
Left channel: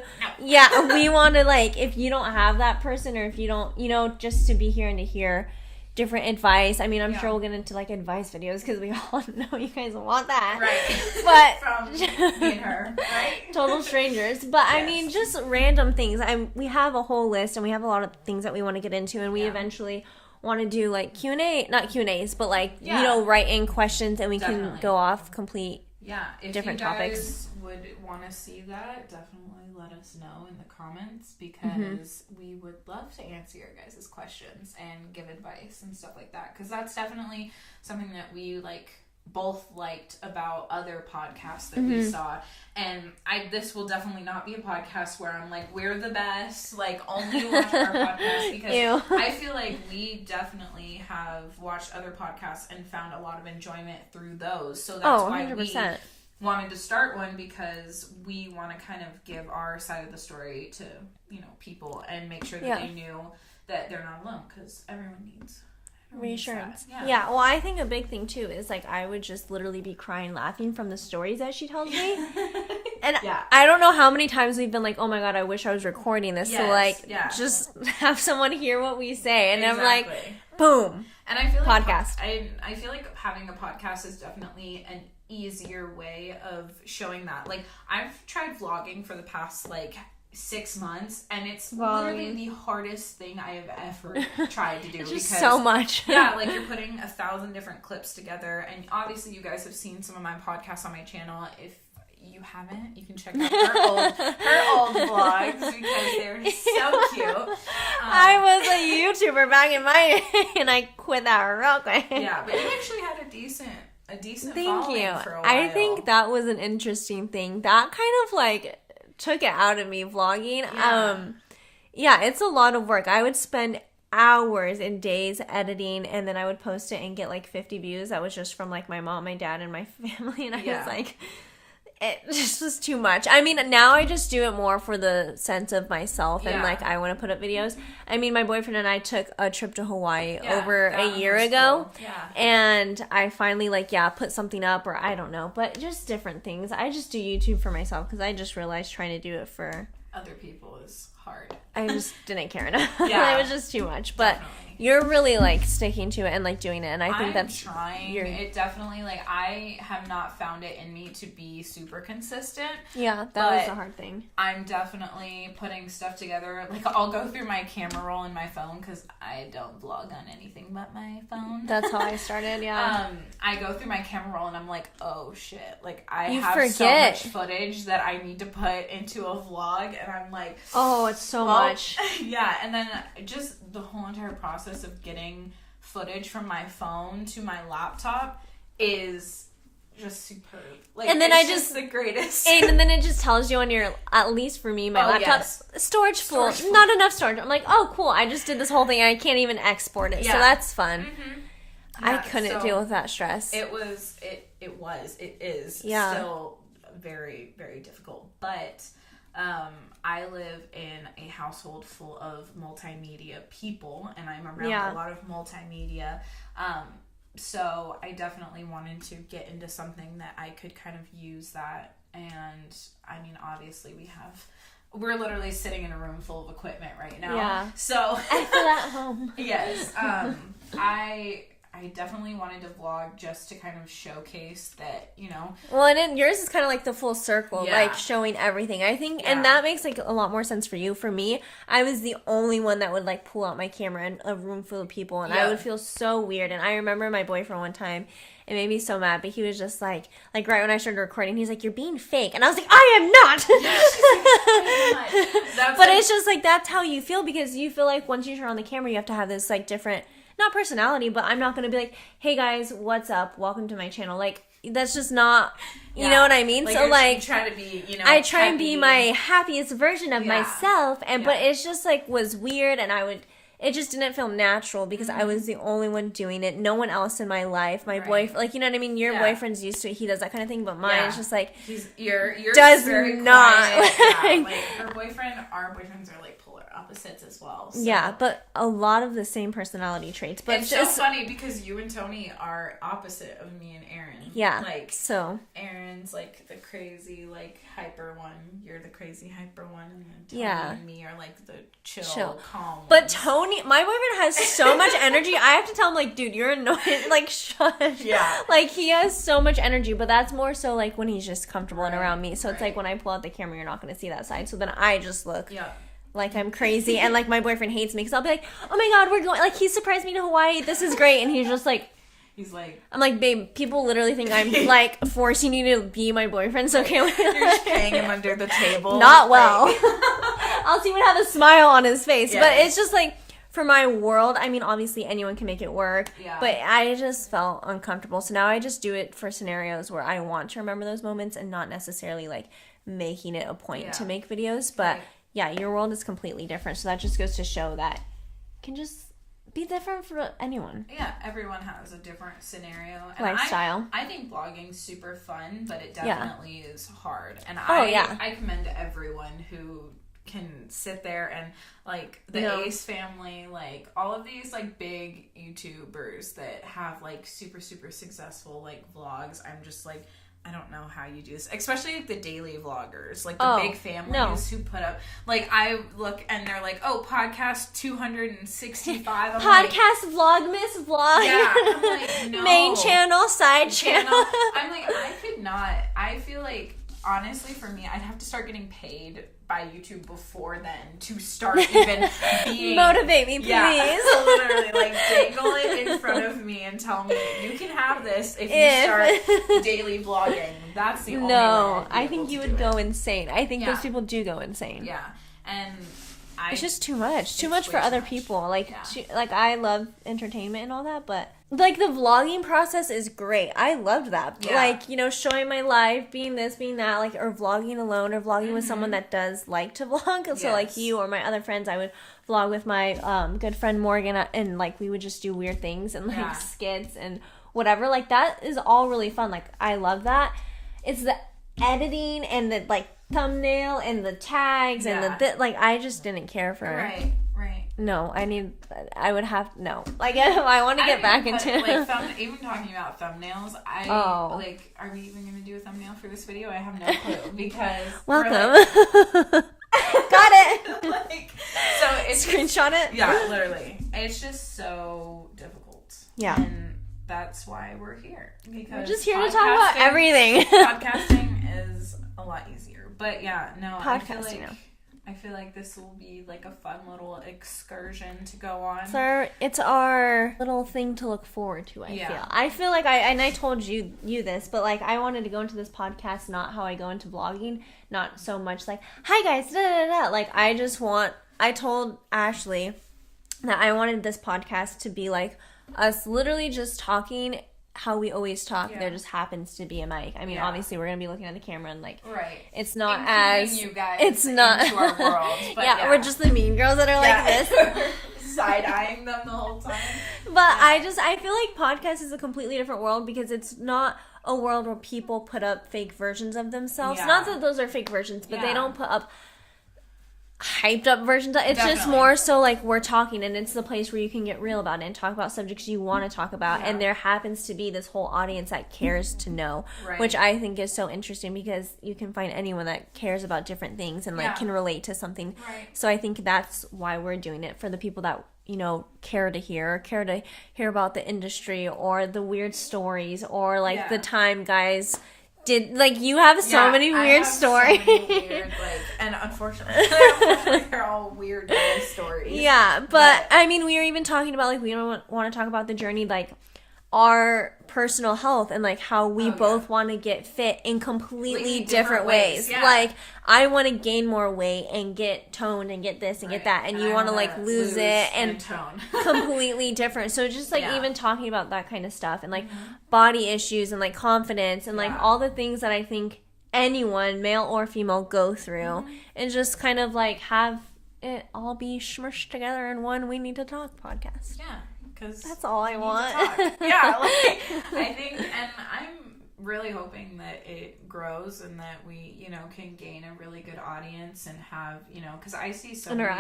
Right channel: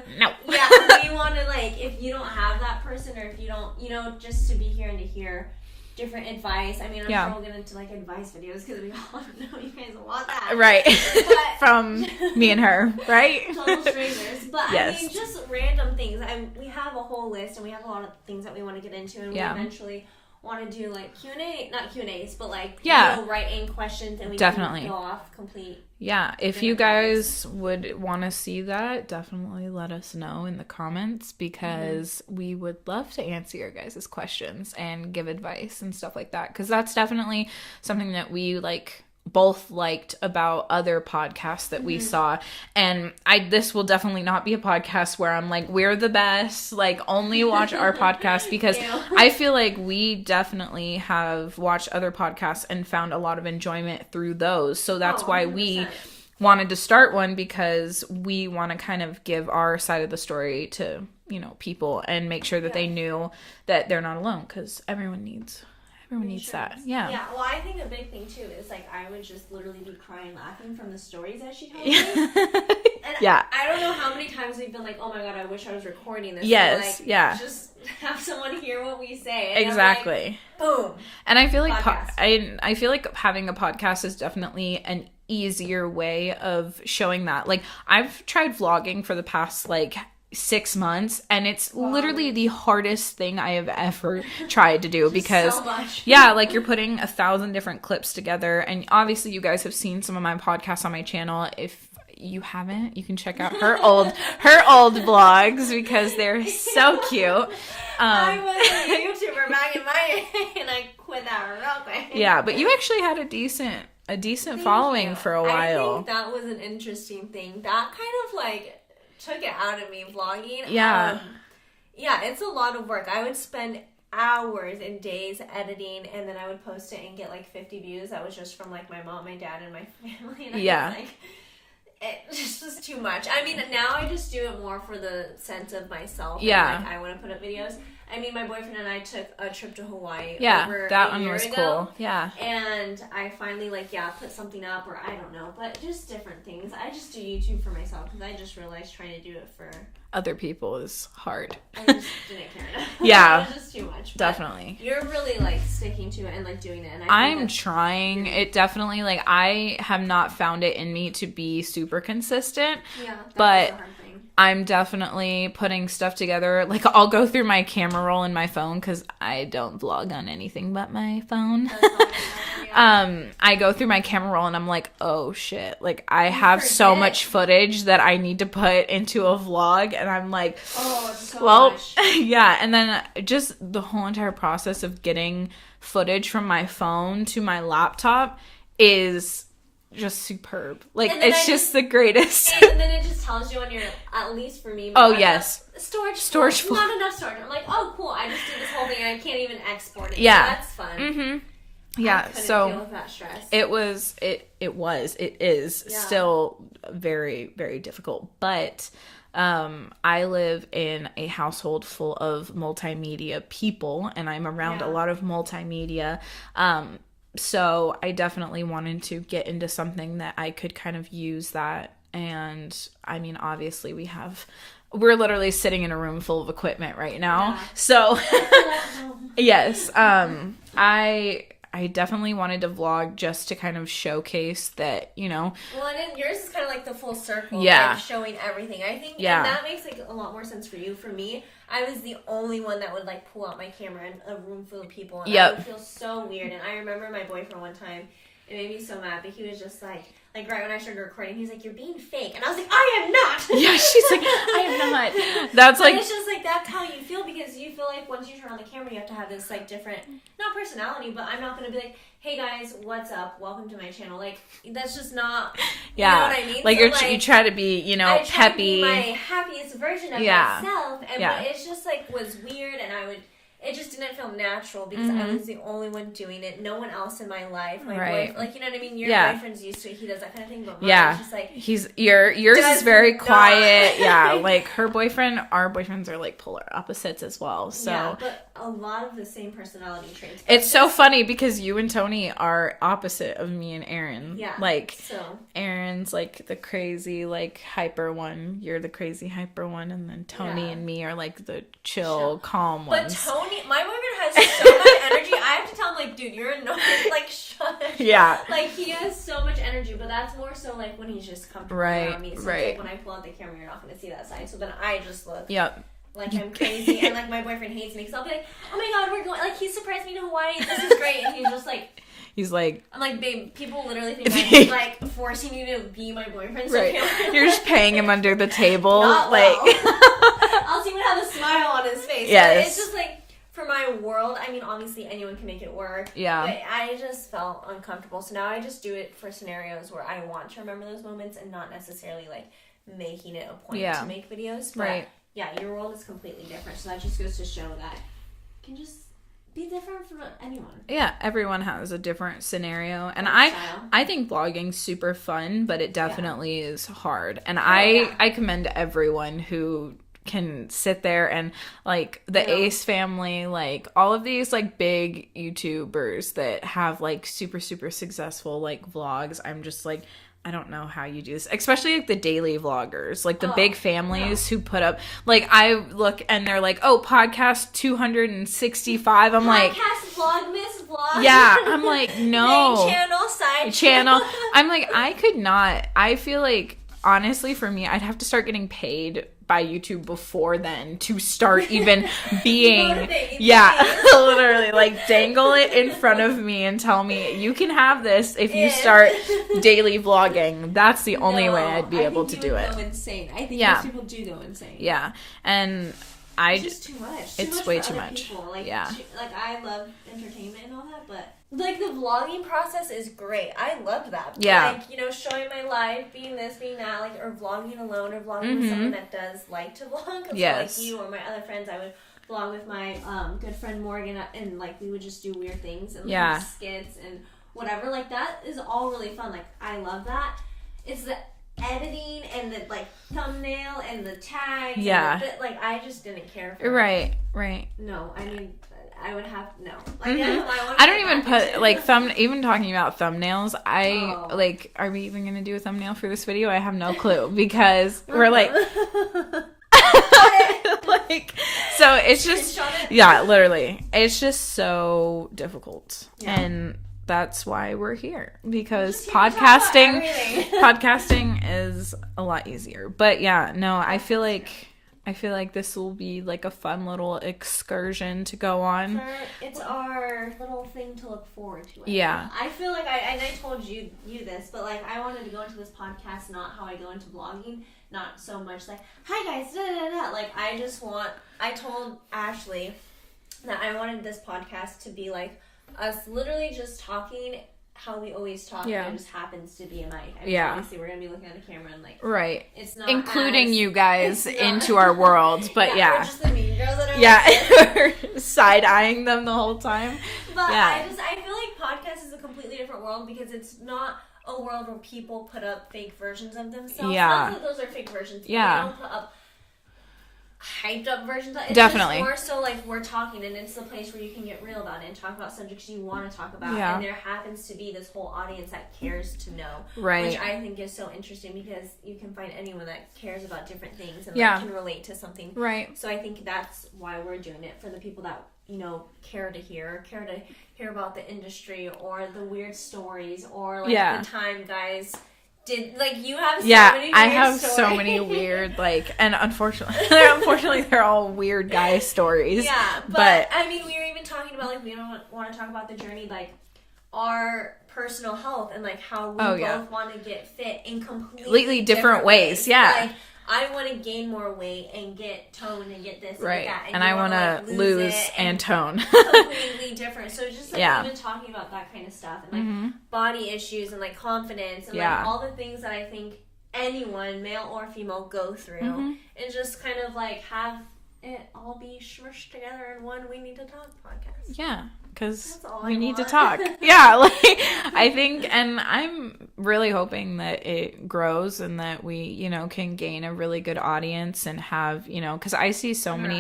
want to, like, if you don't have that person, or if you don't, you know, just to be here and to hear different advice. I mean, I'm sure we'll get into, like, advice videos, because we all know you guys want that. Right. But from me and her, right? Total strangers. But, I mean, just random things. We have a whole list, and we have a lot of things that we want to get into, and we eventually want to do like Q&A, not Q&As, but like you know, write in questions and we can go off complete. Yeah, if you guys would want to see that, definitely let us know in the comments, because we would love to answer your guys' questions and give advice and stuff like that, because that's definitely something that we like both liked about other podcasts that we saw. And this will definitely not be a podcast where I'm like, we're the best, like only watch our podcast, because I feel like we definitely have watched other podcasts and found a lot of enjoyment through those. So that's why 100%. We wanted to start one, because we want to kind of give our side of the story to, you know, people and make sure that they knew that they're not alone, because everyone needs that. Yeah, well, I think a big thing too is like I would just literally be crying laughing from the stories that she told me. And I don't know how many times we've been like, oh my god, I wish I was recording this. Yes, so like just have someone hear what we say. And exactly. I'm like, boom. And I feel like I feel like having a podcast is definitely an easier way of showing that. Like I've tried vlogging for the past like 6 months, and it's literally the hardest thing I have ever tried to do, because so much. Like you're putting 1,000 different clips together, and obviously you guys have seen some of my podcasts on my channel. If you haven't, you can check out her old vlogs, because they're so cute. I was a YouTuber back in my and I quit that real quick. Yeah, but you actually had a decent following for a while. I think that was an interesting thing. That kind of like took it out of me, vlogging. It's a lot of work. I would spend hours and days editing, and then I would post it and get like 50 views. That was just from like my mom, my dad, and my family. And I was like, it just was too much. I mean, now I just do it more for the sense of myself, and like I want to put up videos. I mean, my boyfriend and I took a trip to Hawaii over a year ago. Cool. Yeah. And I finally put something up, or I don't know, but just different things. I just do YouTube for myself, because I just realized trying to do it for other people is hard. I just didn't care enough. Yeah. It was just too much. But definitely. You're really, like, sticking to it and, like, doing it. And I think I'm trying. It definitely, like, I have not found it in me to be super consistent. Yeah, that was a hard thing. I'm definitely putting stuff together. Like, I'll go through my camera roll in my phone because I don't vlog on anything but my phone. That's how I started, yeah. I go through my camera roll and I'm like, oh, shit. Like, I have so much footage that I need to put into a vlog. And I'm like... Oh, it's so much. Yeah, and then just the whole entire process of getting footage from my phone to my laptop is just superb. Like, it's just the greatest. And then it just tells you on your, at least for me, my laptop, storage full. Not enough storage. I'm like, oh, cool. I just did this whole thing and I can't even export it. Yeah. So that's fun. Mm-hmm. Yeah, I couldn't deal with that stress. It is still very, very difficult. But... I live in a household full of multimedia people, and I'm around a lot of multimedia. So I definitely wanted to get into something that I could kind of use that. And I mean, obviously we're literally sitting in a room full of equipment right now. Yeah. So yes, I definitely wanted to vlog just to kind of showcase that, you know. Well, and then yours is kind of like the full circle, like showing everything. I think, and that makes like a lot more sense for you. For me, I was the only one that would like pull out my camera in a room full of people, and I would feel so weird. And I remember my boyfriend one time, it made me so mad, but he was just like right when I started recording, he's like, "You're being fake," and I was like, "I am not." Yeah, she's like, "I am not." But it's just like that's how you feel because you feel like once you turn on the camera, you have to have this like different. Not personality, but I'm not going to be like, hey guys, what's up? Welcome to my channel. Like, that's just not, you know what I mean? Like, so, you try to be, you know, I try to be my happiest version of myself, but it's just like, was weird, and it just didn't feel natural because I was the only one doing it. No one else in my life. My boyfriend, like, you know what I mean? Your boyfriend's used to it. He does that kind of thing, but mine is just like... Yours is very quiet. Yeah, like, our boyfriends are, like, polar opposites as well. So. Yeah, but a lot of the same personality traits. But it's so funny because you and Tony are opposite of me and Aaron. Yeah, like, so... Aaron's, like, the crazy, like, hyper one. You're the crazy hyper one, and then Tony and me are, like, the chill. calm but ones. Tony, my boyfriend has so much energy. I have to tell him, like, dude, you're annoying. Like, shush. Yeah. Like, he has so much energy, but that's more so, like, when he's just comfortable around me. So it's like, when I pull out the camera, you're not going to see that side. So then I just look like I'm crazy. And, like, my boyfriend hates me because I'll be like, oh, my God, we're going. Like, he surprised me to Hawaii. This is great. And he's just like... He's like... I'm like, babe, people literally think I'm, like, forcing you to be my boyfriend. So you're just paying him under the table. Not well. I'll see him have a smile on his face. Yes. But it's just, like... For my world, I mean, obviously anyone can make it work. Yeah. But I just felt uncomfortable. So now I just do it for scenarios where I want to remember those moments and not necessarily, like, making it a point to make videos. But, your world is completely different. So that just goes to show that it can just be different for anyone. Yeah, everyone has a different scenario. And lifestyle. I think vlogging's super fun, but it definitely is hard. And I commend everyone who... can sit there and like the Ace family, like all of these like big YouTubers that have like super successful like vlogs. I'm just like, I don't know how you do this, especially like the daily vloggers, like the big families who put up, like I look and they're like, oh, podcast 265. I'm like, podcast vlogmas vlog. Yeah, I'm like, no. Main channel, side channel. I'm like, I could not. I feel like honestly for me, I'd have to start getting paid by YouTube before then to start even being... Motivate me, please. Yeah, literally, like, dangle it in front of me and tell me, you can have this if you start daily vlogging. That's the only way I'd be able to do it. I think you would go insane. I think most people do go insane. Yeah, and... It's just too much. Too much for other people. Like, like I love entertainment and all that, but like the vlogging process is great. I loved that. Yeah. Like, you know, showing my life, being this, being that, like, or vlogging alone, or vlogging with someone that does like to vlog. So like you or my other friends, I would vlog with my good friend Morgan, and like we would just do weird things and like skits and whatever. Like that is all really fun. Like I love that. It's the editing and the like thumbnail and the tags and the like I just didn't care for right no I would have like I want to get back into like even talking about thumbnails. Like, are we even gonna do a thumbnail for this video? I have no clue because we're like like, so it's just Screenshot it. Yeah, literally, it's just so difficult. Yeah. And that's why we're here, because Just here to talk about podcasting everything. podcasting is a lot easier. But yeah, no, I feel like this will be like a fun little excursion to go on. It's our little thing to look forward to. I feel like I told you this, but like I wanted to go into this podcast not how I go into vlogging, not so much like, hi guys, da da da. Like I told Ashley that I wanted this podcast to be like us literally just talking how we always talk. There just happens to be a mic. I mean, obviously we're gonna be looking at the camera and like, right, it's not including you guys into our world, but we're just the mean girls that are like this. Side-eyeing them the whole time. But I feel like podcast is a completely different world, because it's not a world where people put up fake versions of themselves. Not that those are fake versions, but they don't put up hyped up versions. It's just more so like we're talking, and it's the place where you can get real about it and talk about subjects you want to talk about, and there happens to be this whole audience that cares to know, which I think is so interesting, because you can find anyone that cares about different things and like can relate to something, so I think that's why we're doing it, for the people that, you know, care to hear about the industry or the weird stories, or like the time guys did, like, you have so many weird stories. So many weird, like, and unfortunately they're all weird guy stories. Yeah, but I mean, we were even talking about, like, we don't want to talk about the journey, like, our personal health, and like how we both want to get fit in completely different ways. Like, I want to gain more weight and get toned and get this and get that, and you want to like lose it and tone. Completely different. So just like even talking about that kind of stuff, and like body issues and like confidence and like all the things that I think anyone, male or female, go through, and just kind of like have it all be smushed together in one We Need to Talk podcast. Yeah. Because that's all we I need to talk. Like, I think, and I'm really hoping that it grows, and that we, you know, can gain a really good audience and have, you know, because I see so many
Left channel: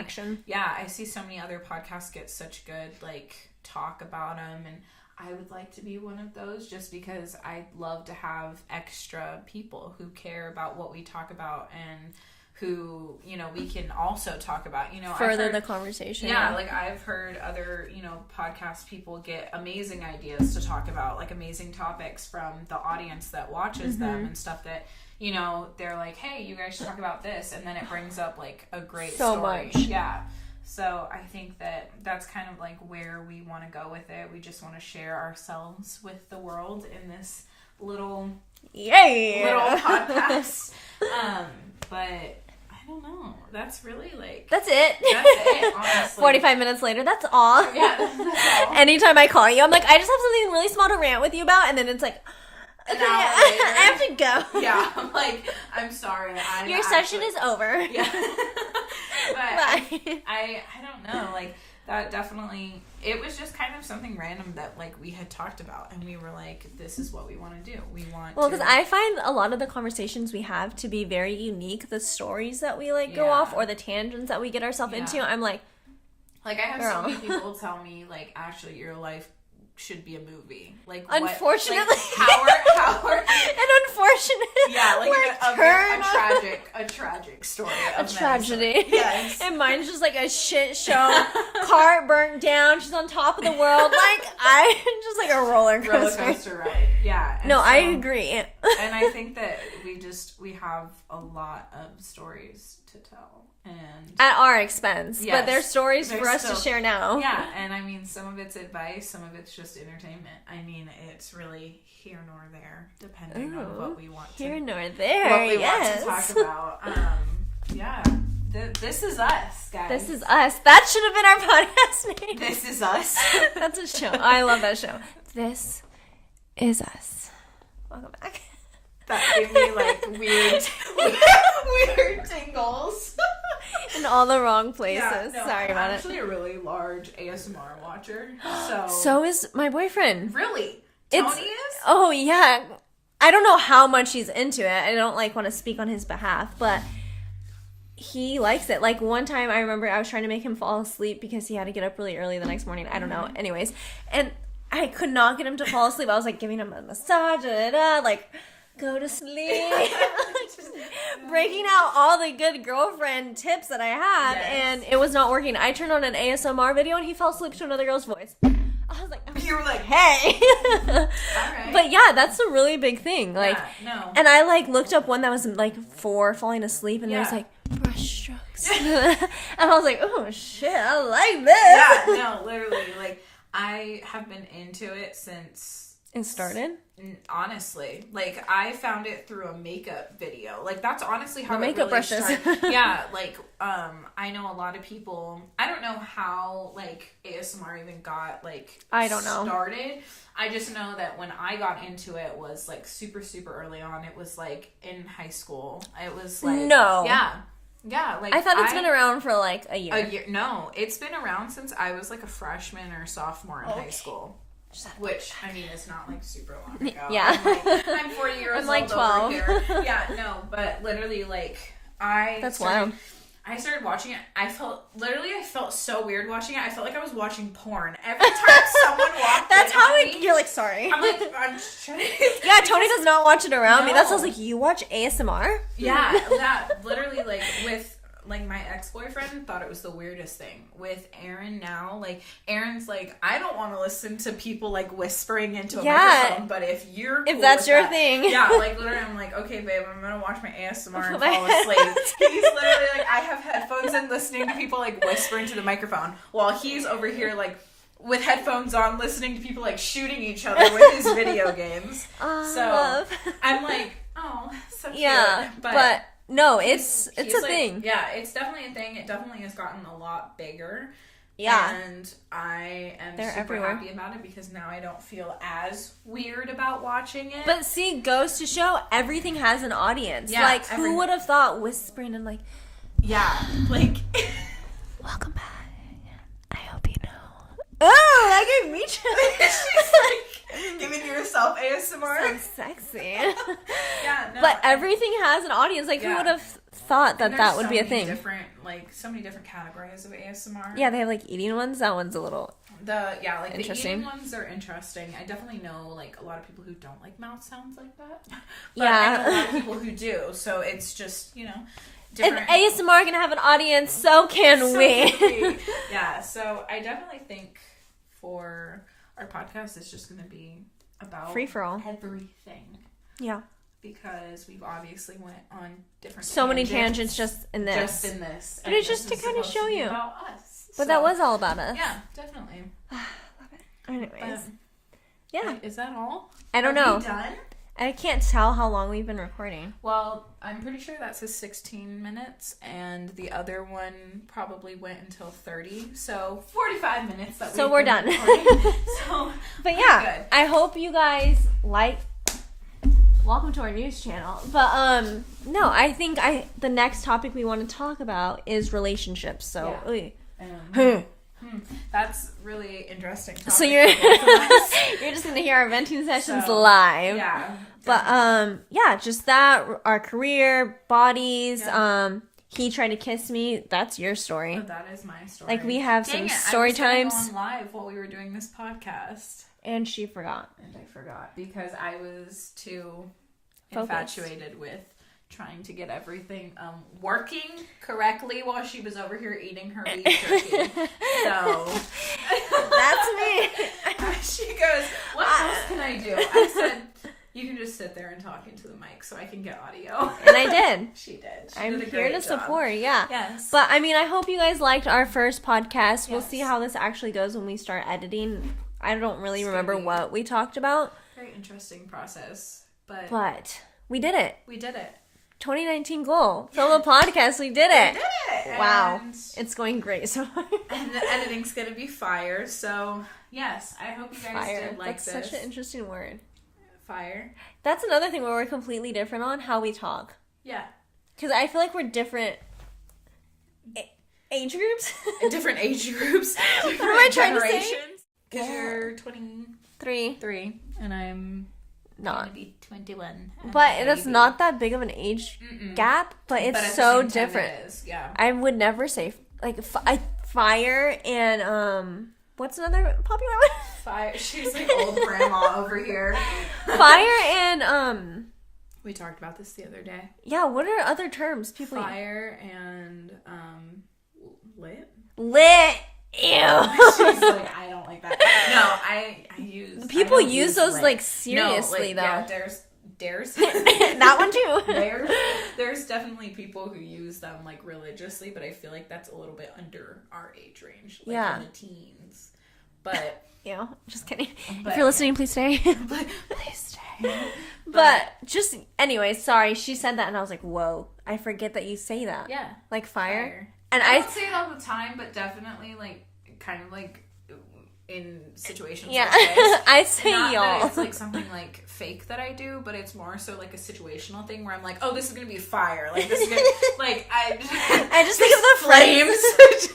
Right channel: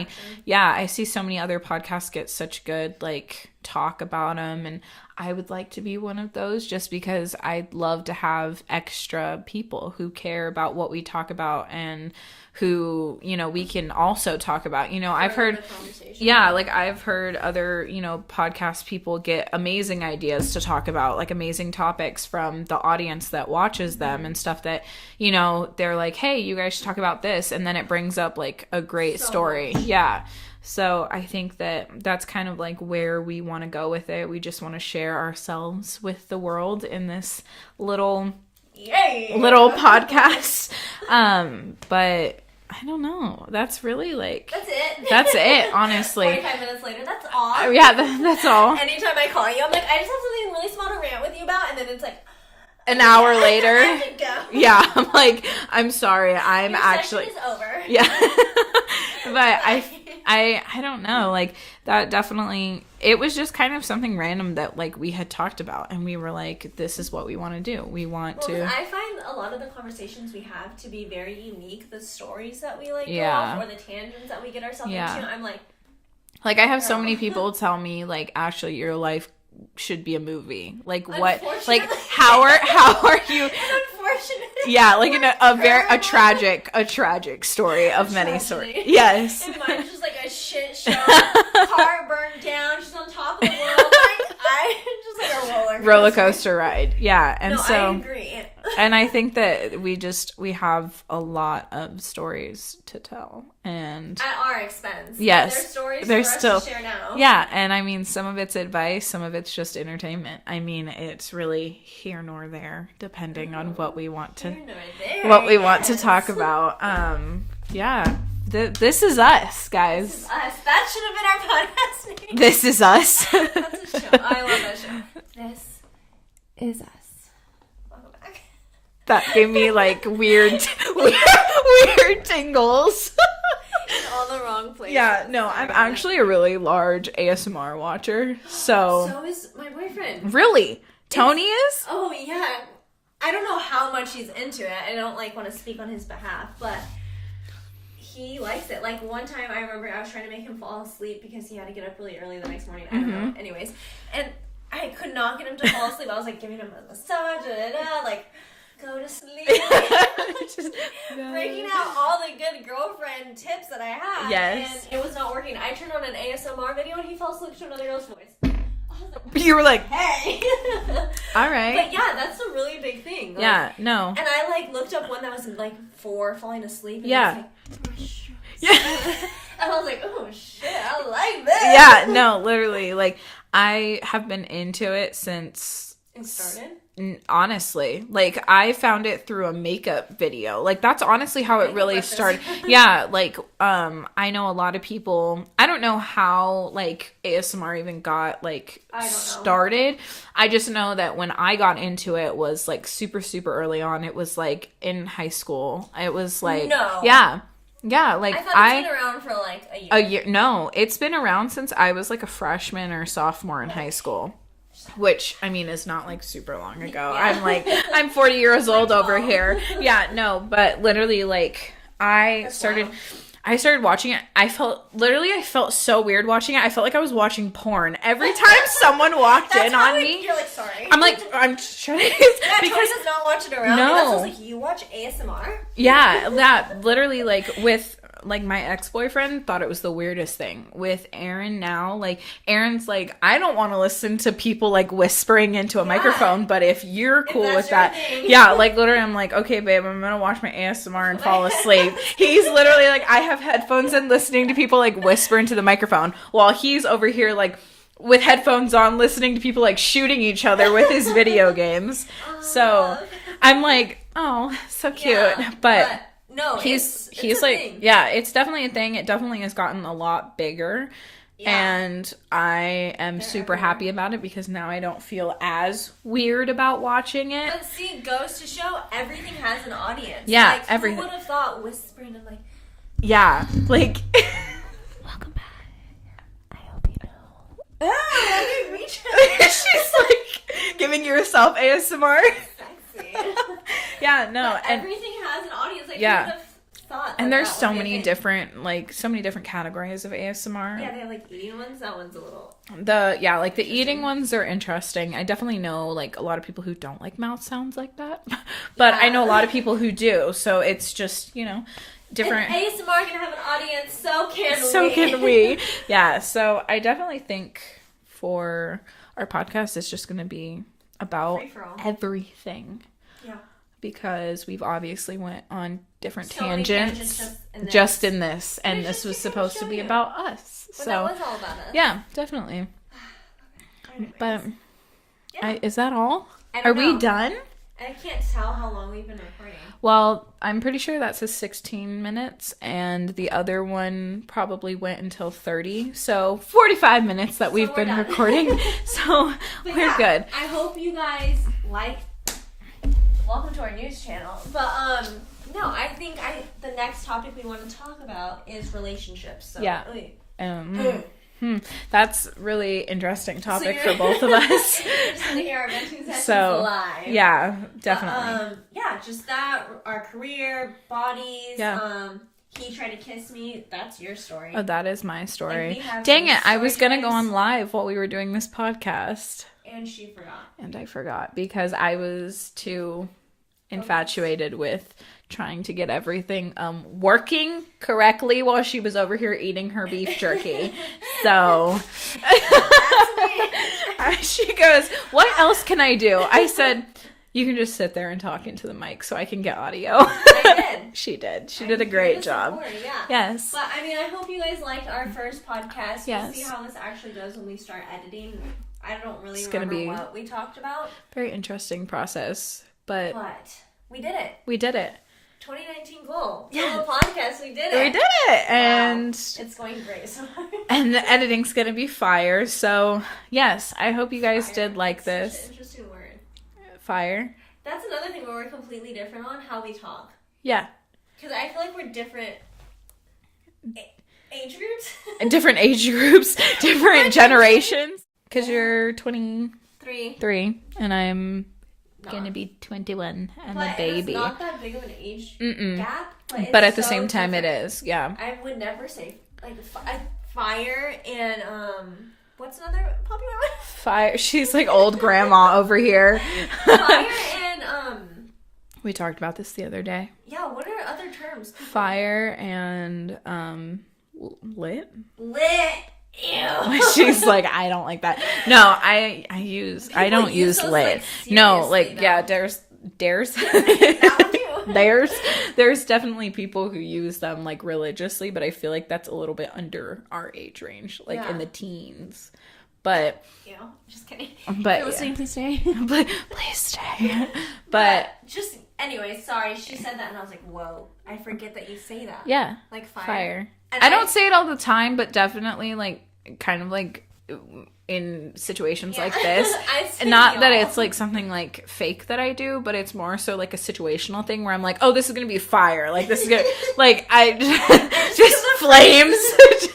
other podcasts get such good, like, talk about them, and I would like to be one of those, just because I'd love to have extra people who care about what we talk about, and who, you know, we can also talk about, you know, I've heard the conversation. Like I've heard other, you know, podcast people get amazing ideas to talk about, like amazing topics from the audience that watches them, and stuff that, you know, they're like, hey, you guys should talk about this, and then it brings up like a great story. So I think that that's kind of like where we want to go with it. We just want to share ourselves with the world in this little podcast. But I don't know. That's really like... That's it. That's it, honestly. 45 minutes later, that's all. Yeah, that's all. Anytime I call you, I'm like, I just have something really small to rant with you about, and then it's like... An hour later. I have to go. Yeah, I'm like, I'm sorry, Your session is over. Yeah. But I don't know, like, that definitely, it was just kind of something random that, like, we had talked about, and we were like, this is what we want to do. We want to... Well, because I find a lot of the conversations we have to be very unique. The stories that we, like, go off, or the tangents that we get ourselves into, I'm like... Like, I have so many people tell me, like, Ashley, your life should be a movie. Like, what? Unfortunately. Like, how are you? An unfortunate. Yeah, like a tragic story of many stories. Yes. And mine's just like a shit show. Car burnt down. She's on top of the world. Like, I'm just like a roller coaster ride. Yeah. And I agree. And I think that we have a lot of stories to tell, and at our expense. Yes, but they're stories for us to share now. Yeah, and I mean, some of it's advice, some of it's just entertainment. I mean, it's really here nor there, depending on what we want to want to talk about. This is us, guys. This is us. That should have been our podcast name. This is us. That's a show. I love that show. This is us. Welcome back. That gave me like weird tingles. In all the wrong places. Yeah, no, I'm actually a really large ASMR watcher. So is my boyfriend. Really? Tony is? Oh, yeah. I don't know how much he's into it. I don't like want to speak on his behalf, but he likes it. Like, one time I remember I was trying to make him fall asleep because he had to get up really early the next morning. I don't know. Anyways, and I could not get him to fall asleep. I was like giving him a massage, like go to sleep. Just breaking out all the good girlfriend tips that I had. Yes. And it was not working. I turned on an ASMR video and he fell asleep to another girl's voice. I was like, you were like, hey. all right. But yeah, that's a really big thing. Like, yeah, no. And I like looked up one that was like for falling asleep and it was like brush strokes. Yeah. And I was like, oh shit, I like this. Yeah, no, literally. Like, I have been into it since it started. Honestly, like, I found it through a makeup video. Like, that's honestly how it really brushes. started. Yeah, like, I know a lot of people, I don't know how, like, ASMR even got, like, I don't know. Started. I just know that when I got into it was, like, super, super early on. It was, like, in high school. It was, like... No. Yeah. Yeah, like, I thought it's been around for, like, a year. A year. No, it's been around since I was, like, a freshman or sophomore in high school. Which, I mean, is not, like, super long ago. Yeah. I'm 40 years like old 12. over here. Yeah, no, but literally, like, I started watching it. I felt so weird watching it. I felt like I was watching porn. Every time someone walked in on me. You're like, sorry. I'm like, I'm trying to... Yeah, Tony does not watch it around me. No. That sounds like you watch ASMR? Yeah, literally, like, with... Like, my ex-boyfriend thought it was the weirdest thing. With Aaron now, like, Aaron's like, I don't want to listen to people, like, whispering into a microphone, but if you're cool with that. Thing. Yeah, like, literally, I'm like, okay, babe, I'm going to watch my ASMR and fall asleep. He's literally like, I have headphones in listening to people, like, whisper into the microphone while he's over here, like, with headphones on, listening to people, like, shooting each other with his video games. So, I'm like, oh, so cute. Yeah, but no, it's a like, thing. Yeah, it's definitely a thing. It definitely has gotten a lot bigger. Yeah. And I am super happy about it because now I don't feel as weird about watching it. But see, goes to show everything has an audience. Yeah. Like, who would have thought whispering and like... Yeah. Like... Welcome back. I hope you know. Oh, that gave me chills. She's like giving yourself ASMR. So sexy. Yeah, no. But everything has an audience. Like, who would have thought that that would be a thing? And there's so many different categories of ASMR. Yeah, they have, like, eating ones. That one's a little... The eating ones are interesting. I definitely know, like, a lot of people who don't like mouth sounds like that. But I know a lot of people who do. So it's just, you know... different. If ASMR can have an audience, so can we. So can we. Yeah, so I definitely think for our podcast, it's just going to be about free-for-all. Everything. Yeah. Because we've obviously went on different so tangents. Many tangents just in this. Just in this. And this was supposed to be about us. But that was all about us. Yeah, definitely. Love it. Anyways. But, yeah. Is that all? I don't know. Are we done? I can't tell how long we've been recording. Well, I'm pretty sure that says 16 minutes, and the other one probably went until 30. So 45 minutes that we've been recording. So we're good. I hope you guys like. Welcome to our news channel. But no, I think the next topic we want to talk about is relationships. So yeah. That's really interesting topic for both of us. You're just gonna hear our venting sessions live. Yeah, definitely. But, just that, our career, bodies. Yeah. He tried to kiss me. That's your story. Oh, that is my story. Like, we have Dang it! I was gonna go on live while we were doing this podcast, and she forgot. And I forgot because I was too infatuated with trying to get everything working correctly while she was over here eating her beef jerky. So that's me. She goes, what else can I do? I said, you can just sit there and talk into the mic so I can get audio. And I did. She did. She did a great job. Yeah. Yes. But I mean, I hope you guys liked our first podcast. We'll see how this actually goes when we start editing. I don't really remember what we talked about. Very interesting process. But we did it. We did it. 2019 goal. Solo podcast, we did it. We did it. And wow. It's going great so far. And the editing's going to be fire. So, yes, I hope you guys did like this. Such an interesting word. Fire. That's another thing where we're completely different on how we talk. Yeah. Because I feel like we're different age groups. Different age groups. Different generations. Because you're 23. And I'm... going to be 21 and but it's not that big of an age gap, but at the same time it is. Yeah, I would never say like fire and what's another popular one? Fire. She's like old grandma over here. Fire and We talked about this the other day. Yeah, what are other terms? Fire and lit. Lit. Ew. She's like, I don't like that. No, I don't use those lit. like seriously. No, like though. yeah, dares. That one too. There's definitely people who use them like religiously, but I feel like that's a little bit under our age range, like in the teens. But just kidding. But if you're listening, please stay. Please stay. But just anyway, sorry, she said that and I was like, whoa, I forget that you say that. Yeah. Like fire. And I don't say it all the time, but definitely like kind of like in situations like this. I say not y'all. that it's like something like fake that I do, but it's more so like a situational thing where I'm like, oh, this is gonna be fire. Like this is gonna like I just flames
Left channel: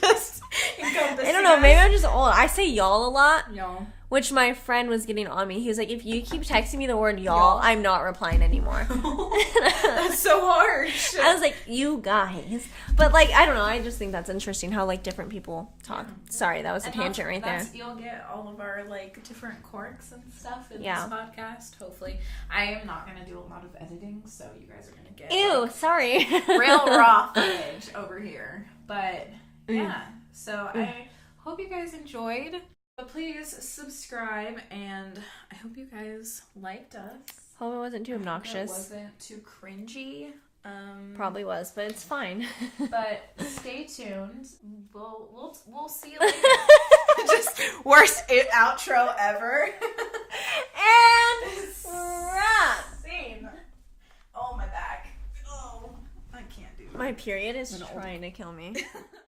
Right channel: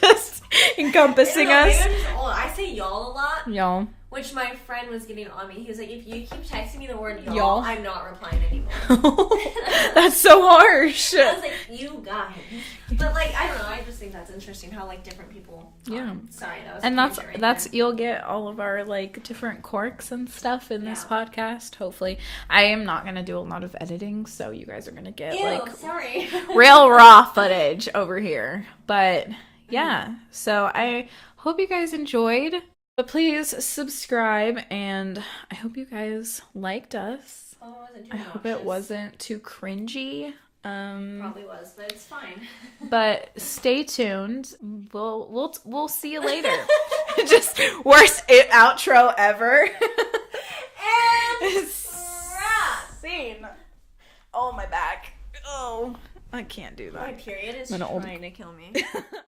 just encompassing us. Maybe I'm just old. I say y'all a lot. Y'all. Which my friend was getting on me. He was like, if you keep texting me the word y'all. I'm not replying anymore. That's so harsh. I was like, you guys. But like, I don't know. I just think that's interesting how like different people talk. Yeah. Sorry, that was a tangent right there. You'll get all of our like different quirks and stuff in this podcast, hopefully. I am not going to do a lot of editing, so you guys are going to get sorry. real raw footage over here. But yeah, so I hope you guys enjoyed. But please subscribe, and I hope you guys liked us. Hope it wasn't too obnoxious. I hope it wasn't too cringy. Probably was, but it's fine. But stay tuned. We'll see you later. Just worst outro ever. And wrap. Scene. Oh, my back. Oh, I can't do that. My period is trying to kill me.